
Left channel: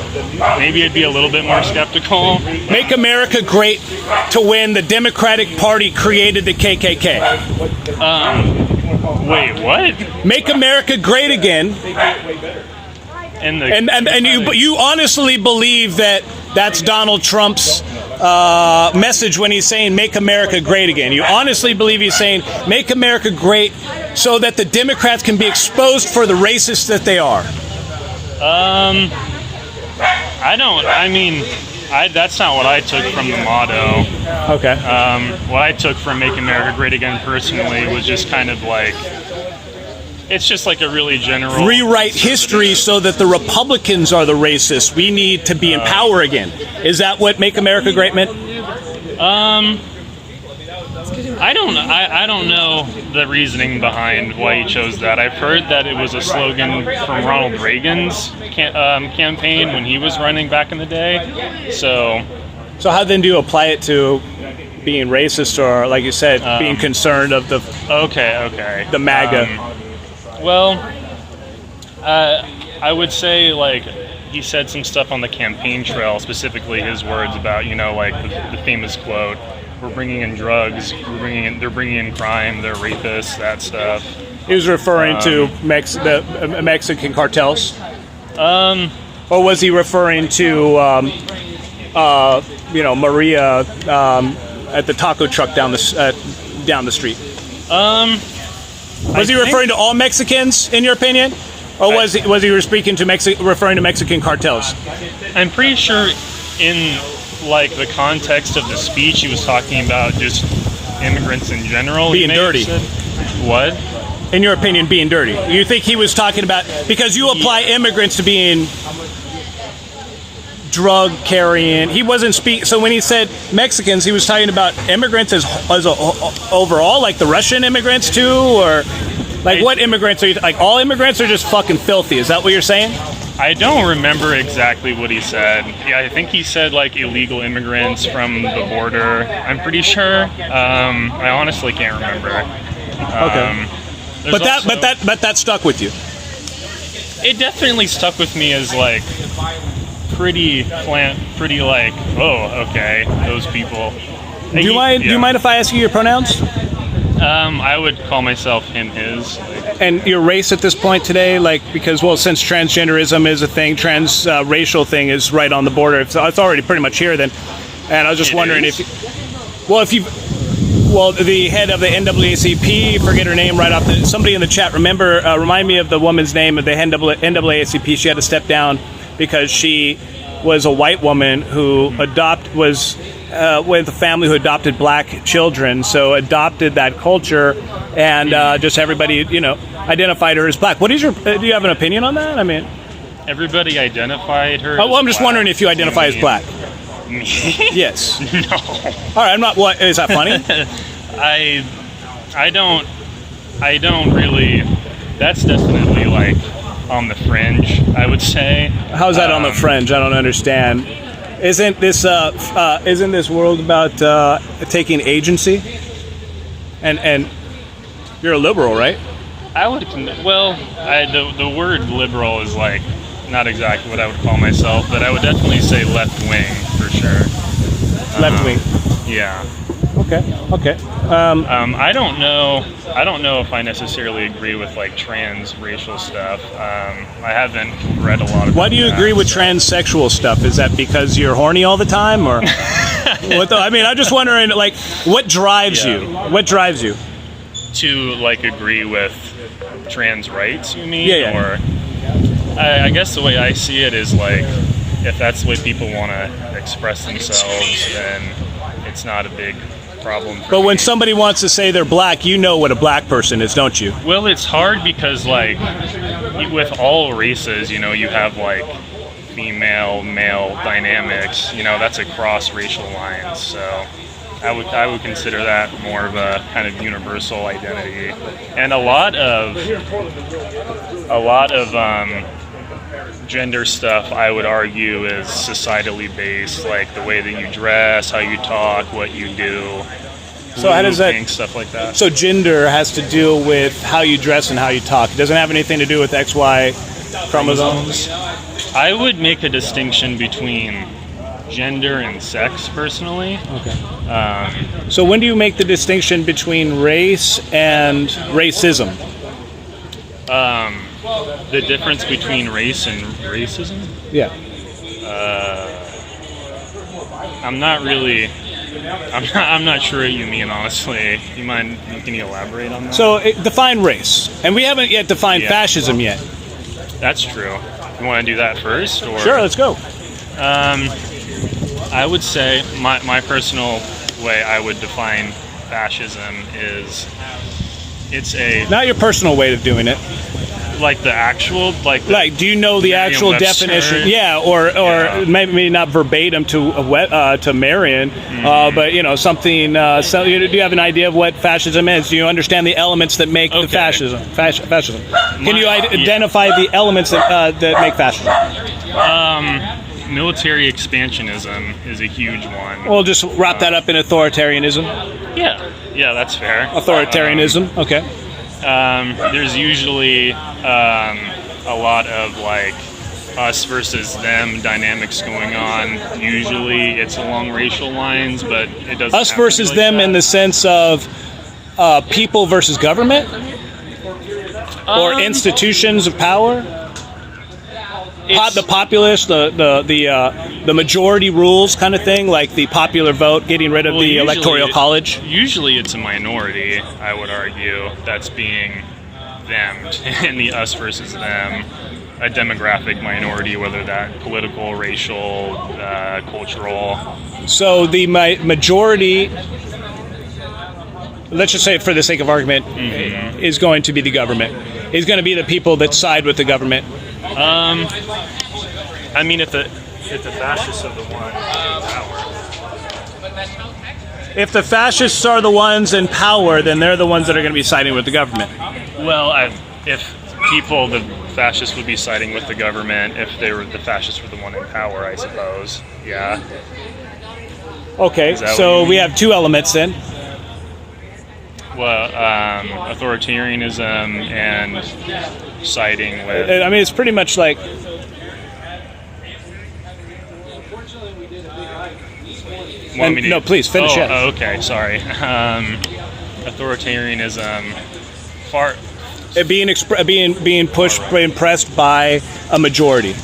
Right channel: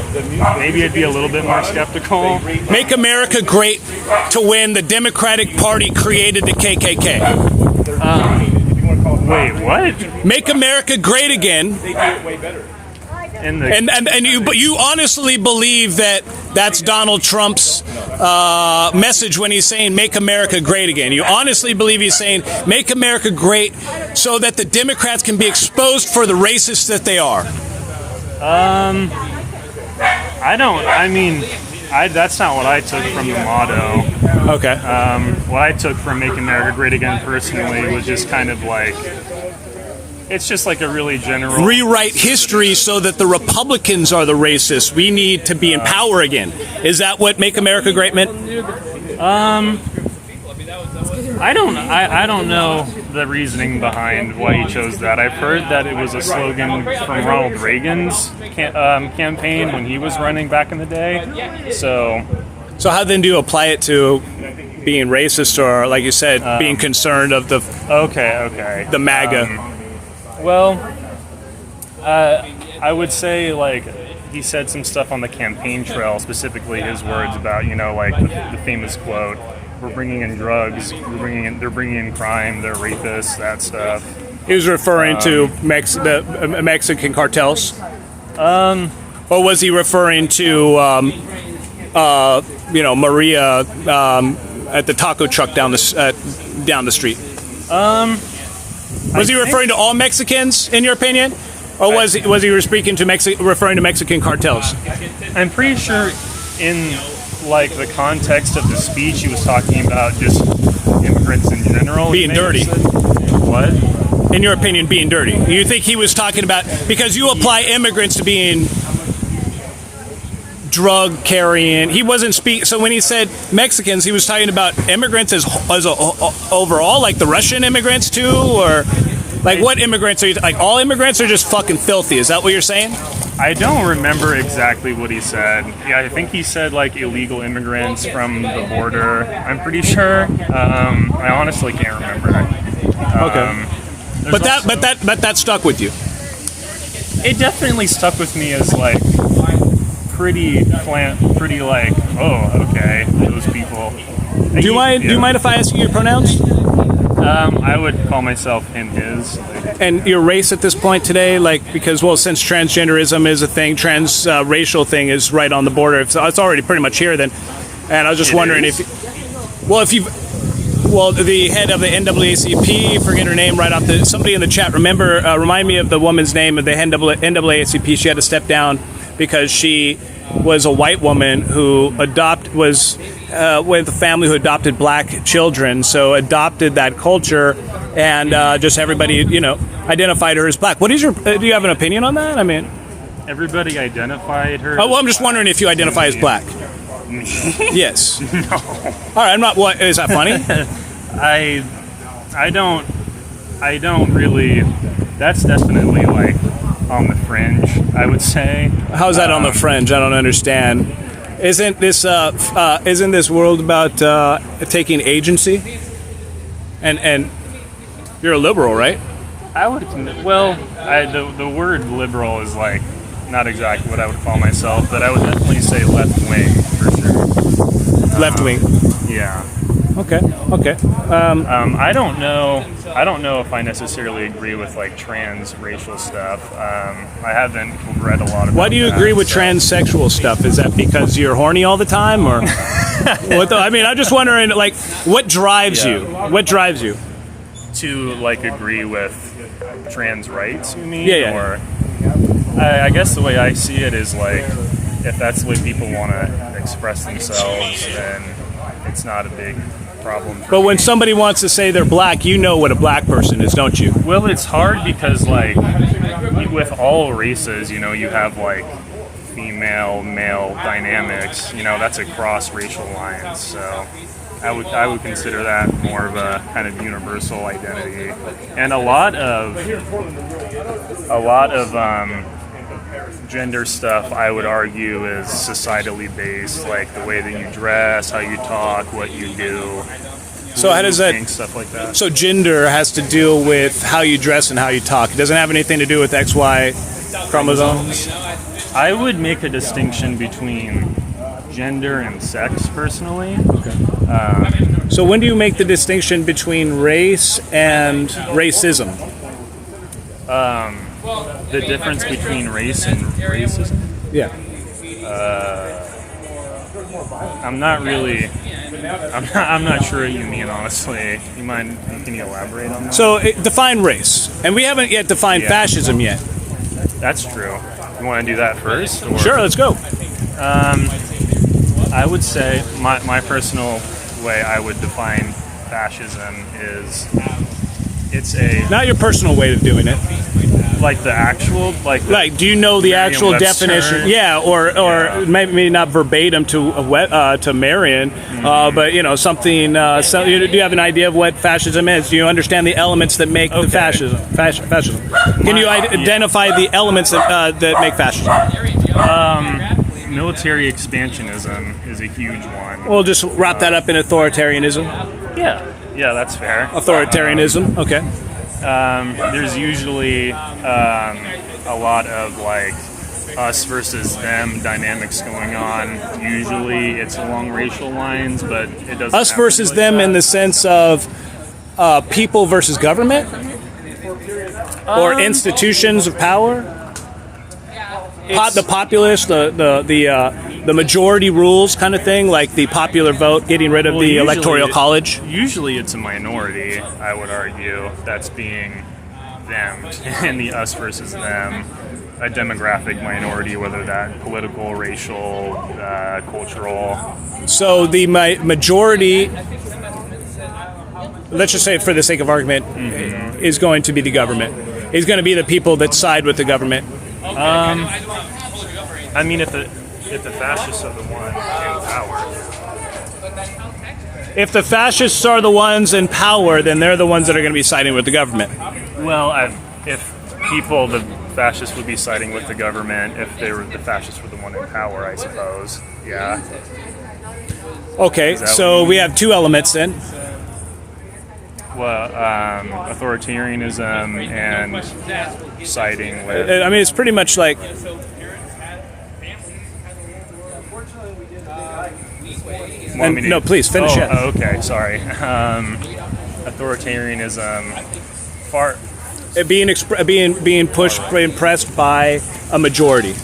maybe I'd be a little bit more skeptical. Make America Great to win. The Democratic Party created the KKK. Wait, what? Make America Great again. And you honestly believe that that's Donald Trump's message when he's saying "Make America Great Again"? You honestly believe he's saying "Make America Great" so that the Democrats can be exposed for the racists that they are? I don't. I mean, that's not what I took from the motto. Okay. What I took from "Make America Great Again" personally was just kind of like. It's just like a really general... Rewrite history so that the Republicans are the racists. We need to be in power again. Is that what Make America Great meant? I don't know the reasoning behind why he chose that. I've heard that it was a slogan from Ronald Reagan's campaign when he was running back in the day. So how then do you apply it to being racist or, like you said, being concerned of the... Okay. The MAGA... Well, I would say, like, he said some stuff on the campaign trail, specifically his words about, like, the famous quote, we're bringing in drugs, they're bringing in crime, they're rapists, that stuff. He was referring to the Mexican cartels. Or was he referring to, Maria at the taco truck down the street? Was he referring to all Mexicans, in your opinion, or was he speaking to referring to Mexican cartels? I'm pretty sure in like the context of the speech, he was talking about just immigrants in general. Being dirty. What? In your opinion, being dirty. You think he was talking about, because you apply immigrants to being drug carrying. He wasn't so when he said Mexicans, he was talking about immigrants as overall, like the Russian immigrants too, or like what immigrants are you, like all immigrants are just fucking filthy? Is that what you're saying? I don't remember exactly what he said. Yeah, I think he said like illegal immigrants from the border. I'm pretty sure. I honestly can't remember. Okay. But that stuck with you. It definitely stuck with me as like pretty like, oh, okay, those people. Do you mind if I ask you your pronouns? I would call myself him, his. And your race at this point today, because since transgenderism is a thing, racial thing is right on the border. It's already pretty much here then. And I was just wondering the head of the NAACP, forget her name right off somebody in the chat, remind me of the woman's name of the NAACP. She had to step down because she was a white woman who was with a family who adopted black children, so adopted that culture, and just everybody, identified her as black. What is do you have an opinion on that? I mean, everybody identified her. I'm just wondering if you identify as black. Me? Yes. No. All right. I'm not. What is that funny? I don't really. That's definitely like on the fringe, I would say. How's that on the fringe? I don't understand. Isn't this world about taking agency? And you're a liberal, right? The word liberal is like not exactly what I would call myself, but I would definitely say left wing for sure. Left wing. Yeah. Okay. I don't know if I necessarily agree with like trans racial stuff. I haven't read a lot about. Why do you agree with transsexual stuff? Is that because you're horny all the time, or what? I'm just wondering, like, what drives you? What drives you to like agree with trans rights? You mean? Yeah. Or I guess the way I see it is like, if that's the way people want to express themselves, then it's not a big problem. But when somebody wants to say they're black, you know what a black person is, don't you? Well, it's hard because, like, with all races, you have like female, male dynamics. That's across racial lines. So I would consider that more of a kind of universal identity, and a lot of gender stuff, I would argue, is societally based, like the way that you dress, how you talk, what you do. So how does that stuff like that? So gender has to deal with how you dress and how you talk. It doesn't have anything to do with XY chromosomes. I would make a distinction between gender and sex, personally. Okay. So when do you make the distinction between race and racism? The difference between race and racism? Yeah. I'm not sure what you mean, honestly. Can you elaborate on that? So define race. And we haven't yet defined fascism yet. That's true. You want to do that first? Or? Sure, let's go. I would say my personal way I would define fascism is it's a... Not your personal way of doing it. Like the actual, do you know the actual definition? Yeah, or maybe not verbatim to Marion, but something. Do you have an idea of what fascism is? Do you understand the elements that make the fascism? Fascism. Can you identify the elements that make fascism? Military expansionism is a huge one. We'll just wrap that up in authoritarianism. Yeah, that's fair. Authoritarianism. Okay. There's usually a lot of like us versus them dynamics going on. Usually it's along racial lines, but it doesn't. Us versus them in the sense of people versus government, or institutions of power. The populace, the majority rules kind of thing, like the popular vote, getting rid of the electoral college. Usually it's a minority, I would argue, that's being themmed in the us versus them, a demographic minority, whether that political, racial, cultural. So the majority, let's just say for the sake of argument, is going to be the government, is going to be the people that side with the government. I mean, if the fascists are the ones in power. If the fascists are the ones in power, then they're the ones that are going to be siding with the government. Well, if the fascists would be siding with the government if the fascists were the one in power, I suppose. Yeah. Okay, so we have two elements then. Well, authoritarianism and siding with. I mean, it's pretty much like. No, please finish it. Oh, okay, sorry. Authoritarianism, being pushed, impressed by a majority.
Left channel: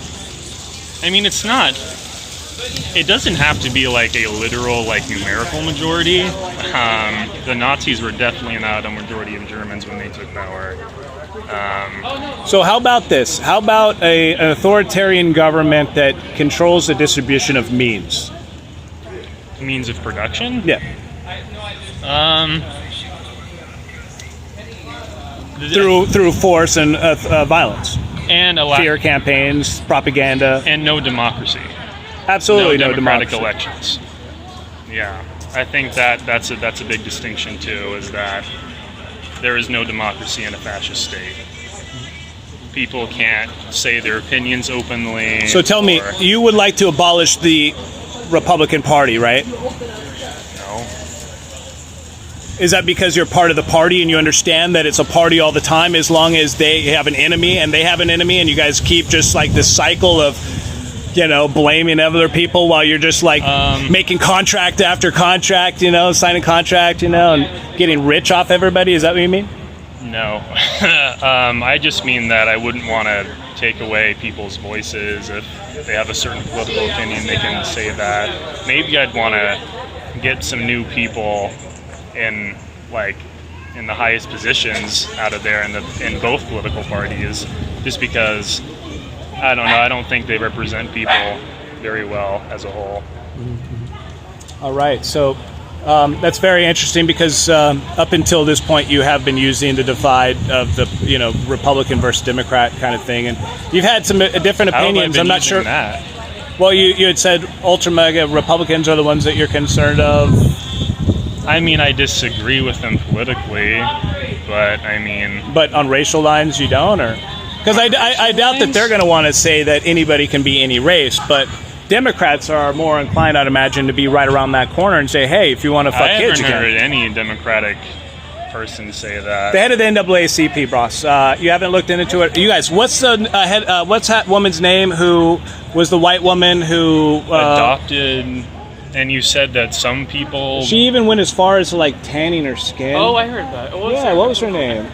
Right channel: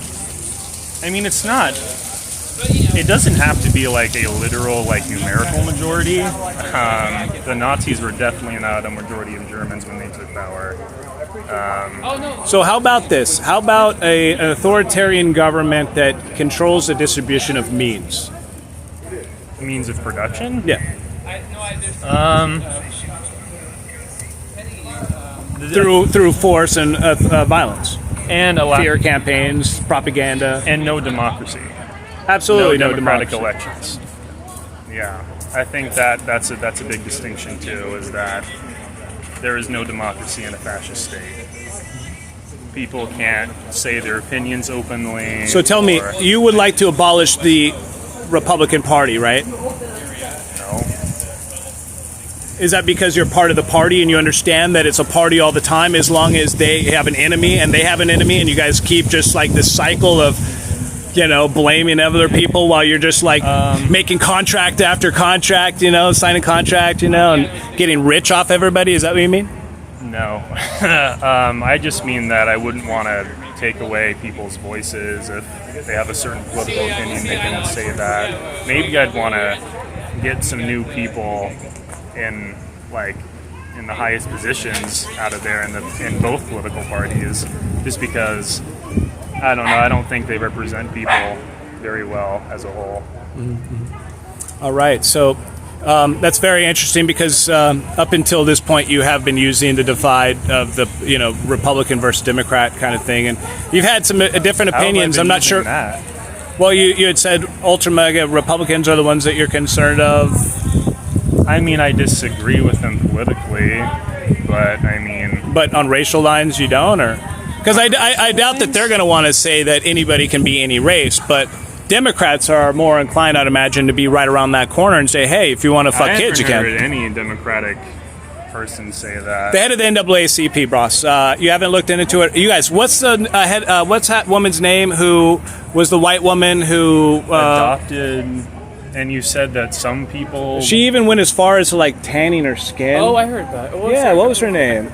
I mean, it's not. It doesn't have to be like a literal, like numerical majority. The Nazis were definitely not a majority of Germans when they took power. So how about this? How about an authoritarian government that controls the distribution of means? Means of production? Yeah. Through force and violence. And fear campaigns, propaganda. And no democracy. Absolutely no democratic elections. Yeah, I think that's a big distinction too, is that there is no democracy in a fascist state. People can't say their opinions openly. So tell me, you would like to abolish the Republican Party, right? No. Is that because you're part of the party and you understand that it's a party all the time, as long as they have an enemy and they have an enemy, and you guys keep just like this cycle of, blaming other people while you're just like making contract after contract, signing contract, and getting rich off everybody? Is that what you mean? No. I just mean that I wouldn't want to take away people's voices. If they have a certain political opinion, they can say that. Maybe I'd want to get some new people in the highest positions out of there in both political parties, just because I don't know. I don't think they represent people very well as a whole. All right. So that's very interesting because up until this point, you have been using the divide of the Republican versus Democrat kind of thing, and you've had some different opinions. I'm not sure. That? Well, you had said ultra mega Republicans are the ones that you're concerned of. I mean, I disagree with them politically, but I mean. But on racial lines, you don't, or. Because I doubt that they're going to want to say that anybody can be any race, but Democrats are more inclined, I'd imagine, to be right around that corner and say, hey, if you want to fuck kids, you can. I haven't heard any Democratic person say that. The head of the NAACP, boss. You haven't looked into it. You guys, what's that woman's name who was the white woman who... adopted... And you said that some people... She even went as far as tanning her skin. Oh, I heard that. What was her name?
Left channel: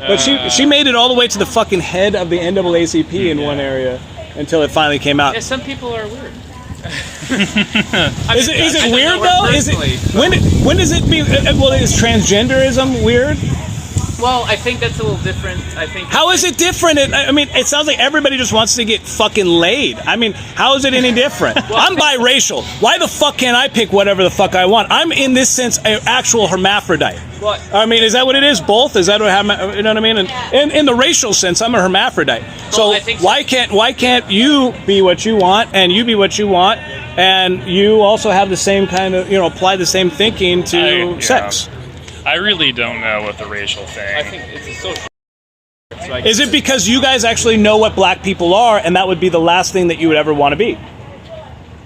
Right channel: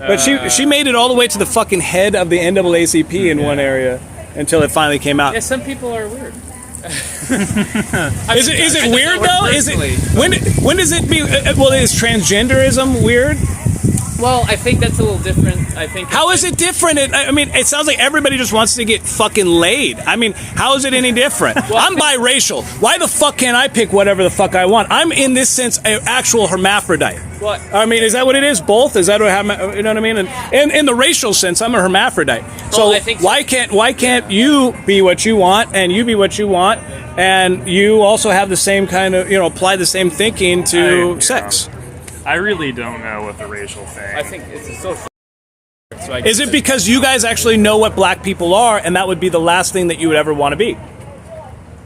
But she made it all the way to the fucking head of the NAACP in one area until it finally came out. Yeah, some people are weird. Is it weird though? Is it when does it be? Well, is transgenderism weird? Well, I think that's a little different. How is it different? I mean, it sounds like everybody just wants to get fucking laid. I mean, how is it any different? I'm biracial. Why the fuck can't I pick whatever the fuck I want? I'm in this sense an actual hermaphrodite. What? I mean, is that what it is? Both? Is that what you know what I mean? And in the racial sense, I'm a hermaphrodite. So why can't you be what you want and you be what you want and you also have the same kind of apply the same thinking to sex? I really don't know what the racial thing. I think it's a social. Is it because you guys actually know what black people are, and that would be the last thing that you would ever want to be?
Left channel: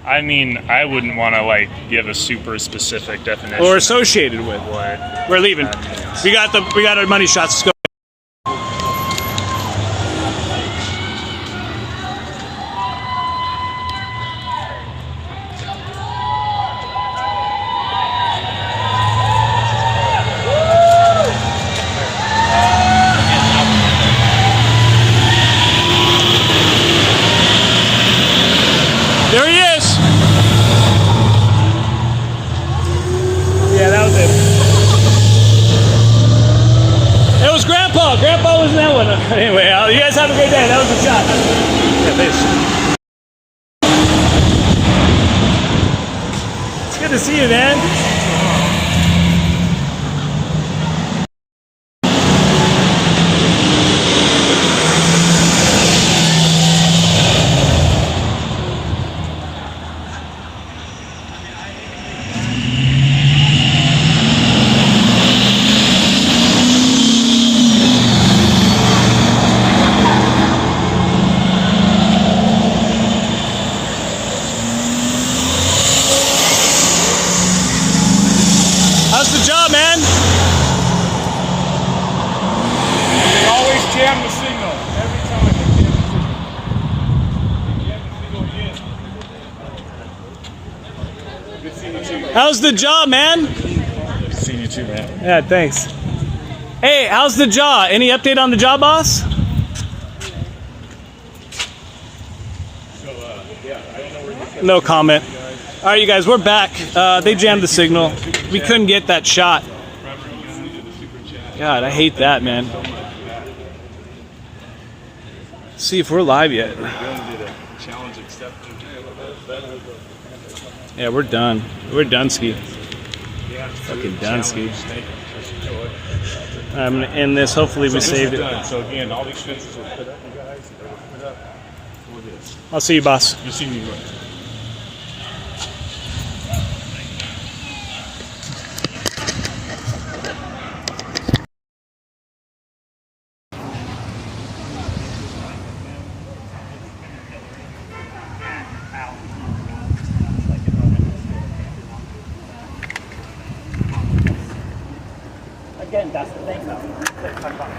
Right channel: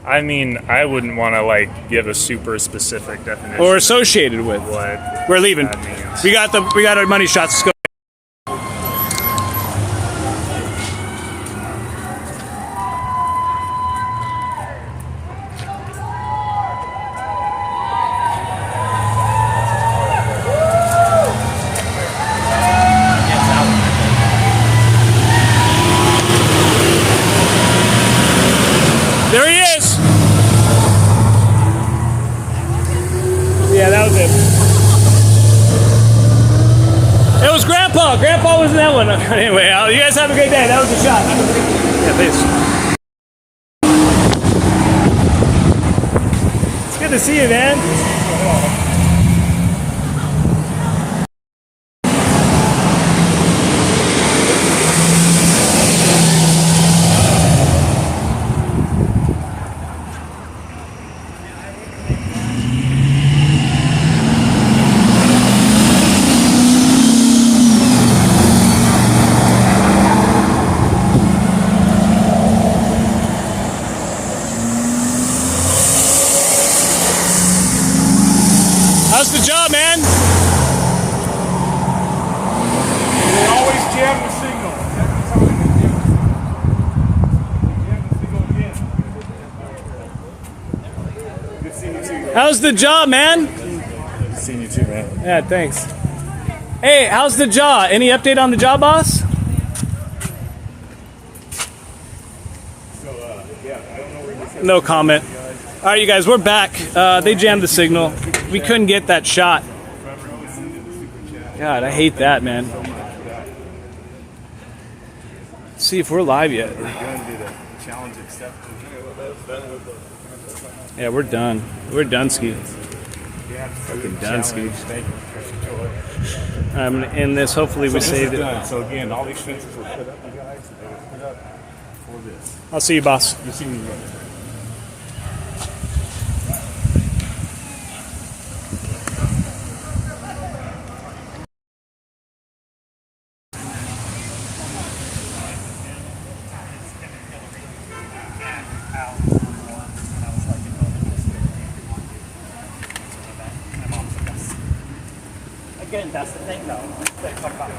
I mean, I wouldn't want to give a super specific definition or associated with what we're leaving. We got our money shots. Let's go. wasn't that one? Anyway, you guys have a great day. That was a shot. Yeah, thanks. It's good to see you, man. How's the job, man? They always jam the signal. Every time they jam the signal in. Good seeing you too. How's the job, man? Good seeing you too, man. Yeah, thanks. Hey, how's the jaw? Any update on the jaw, boss? No comment. All right, you guys, we're back. They jammed the signal. We couldn't get that shot. God, I hate that, man. Let's see if we're live yet. Yeah, we're done. We're Dunsky. Fucking Dunsky. I'm gonna end this. Hopefully we saved it. So again, all these fences are put up. You guys put up for this. I'll see you, boss. You'll see me guys. Again, that's the thing, though.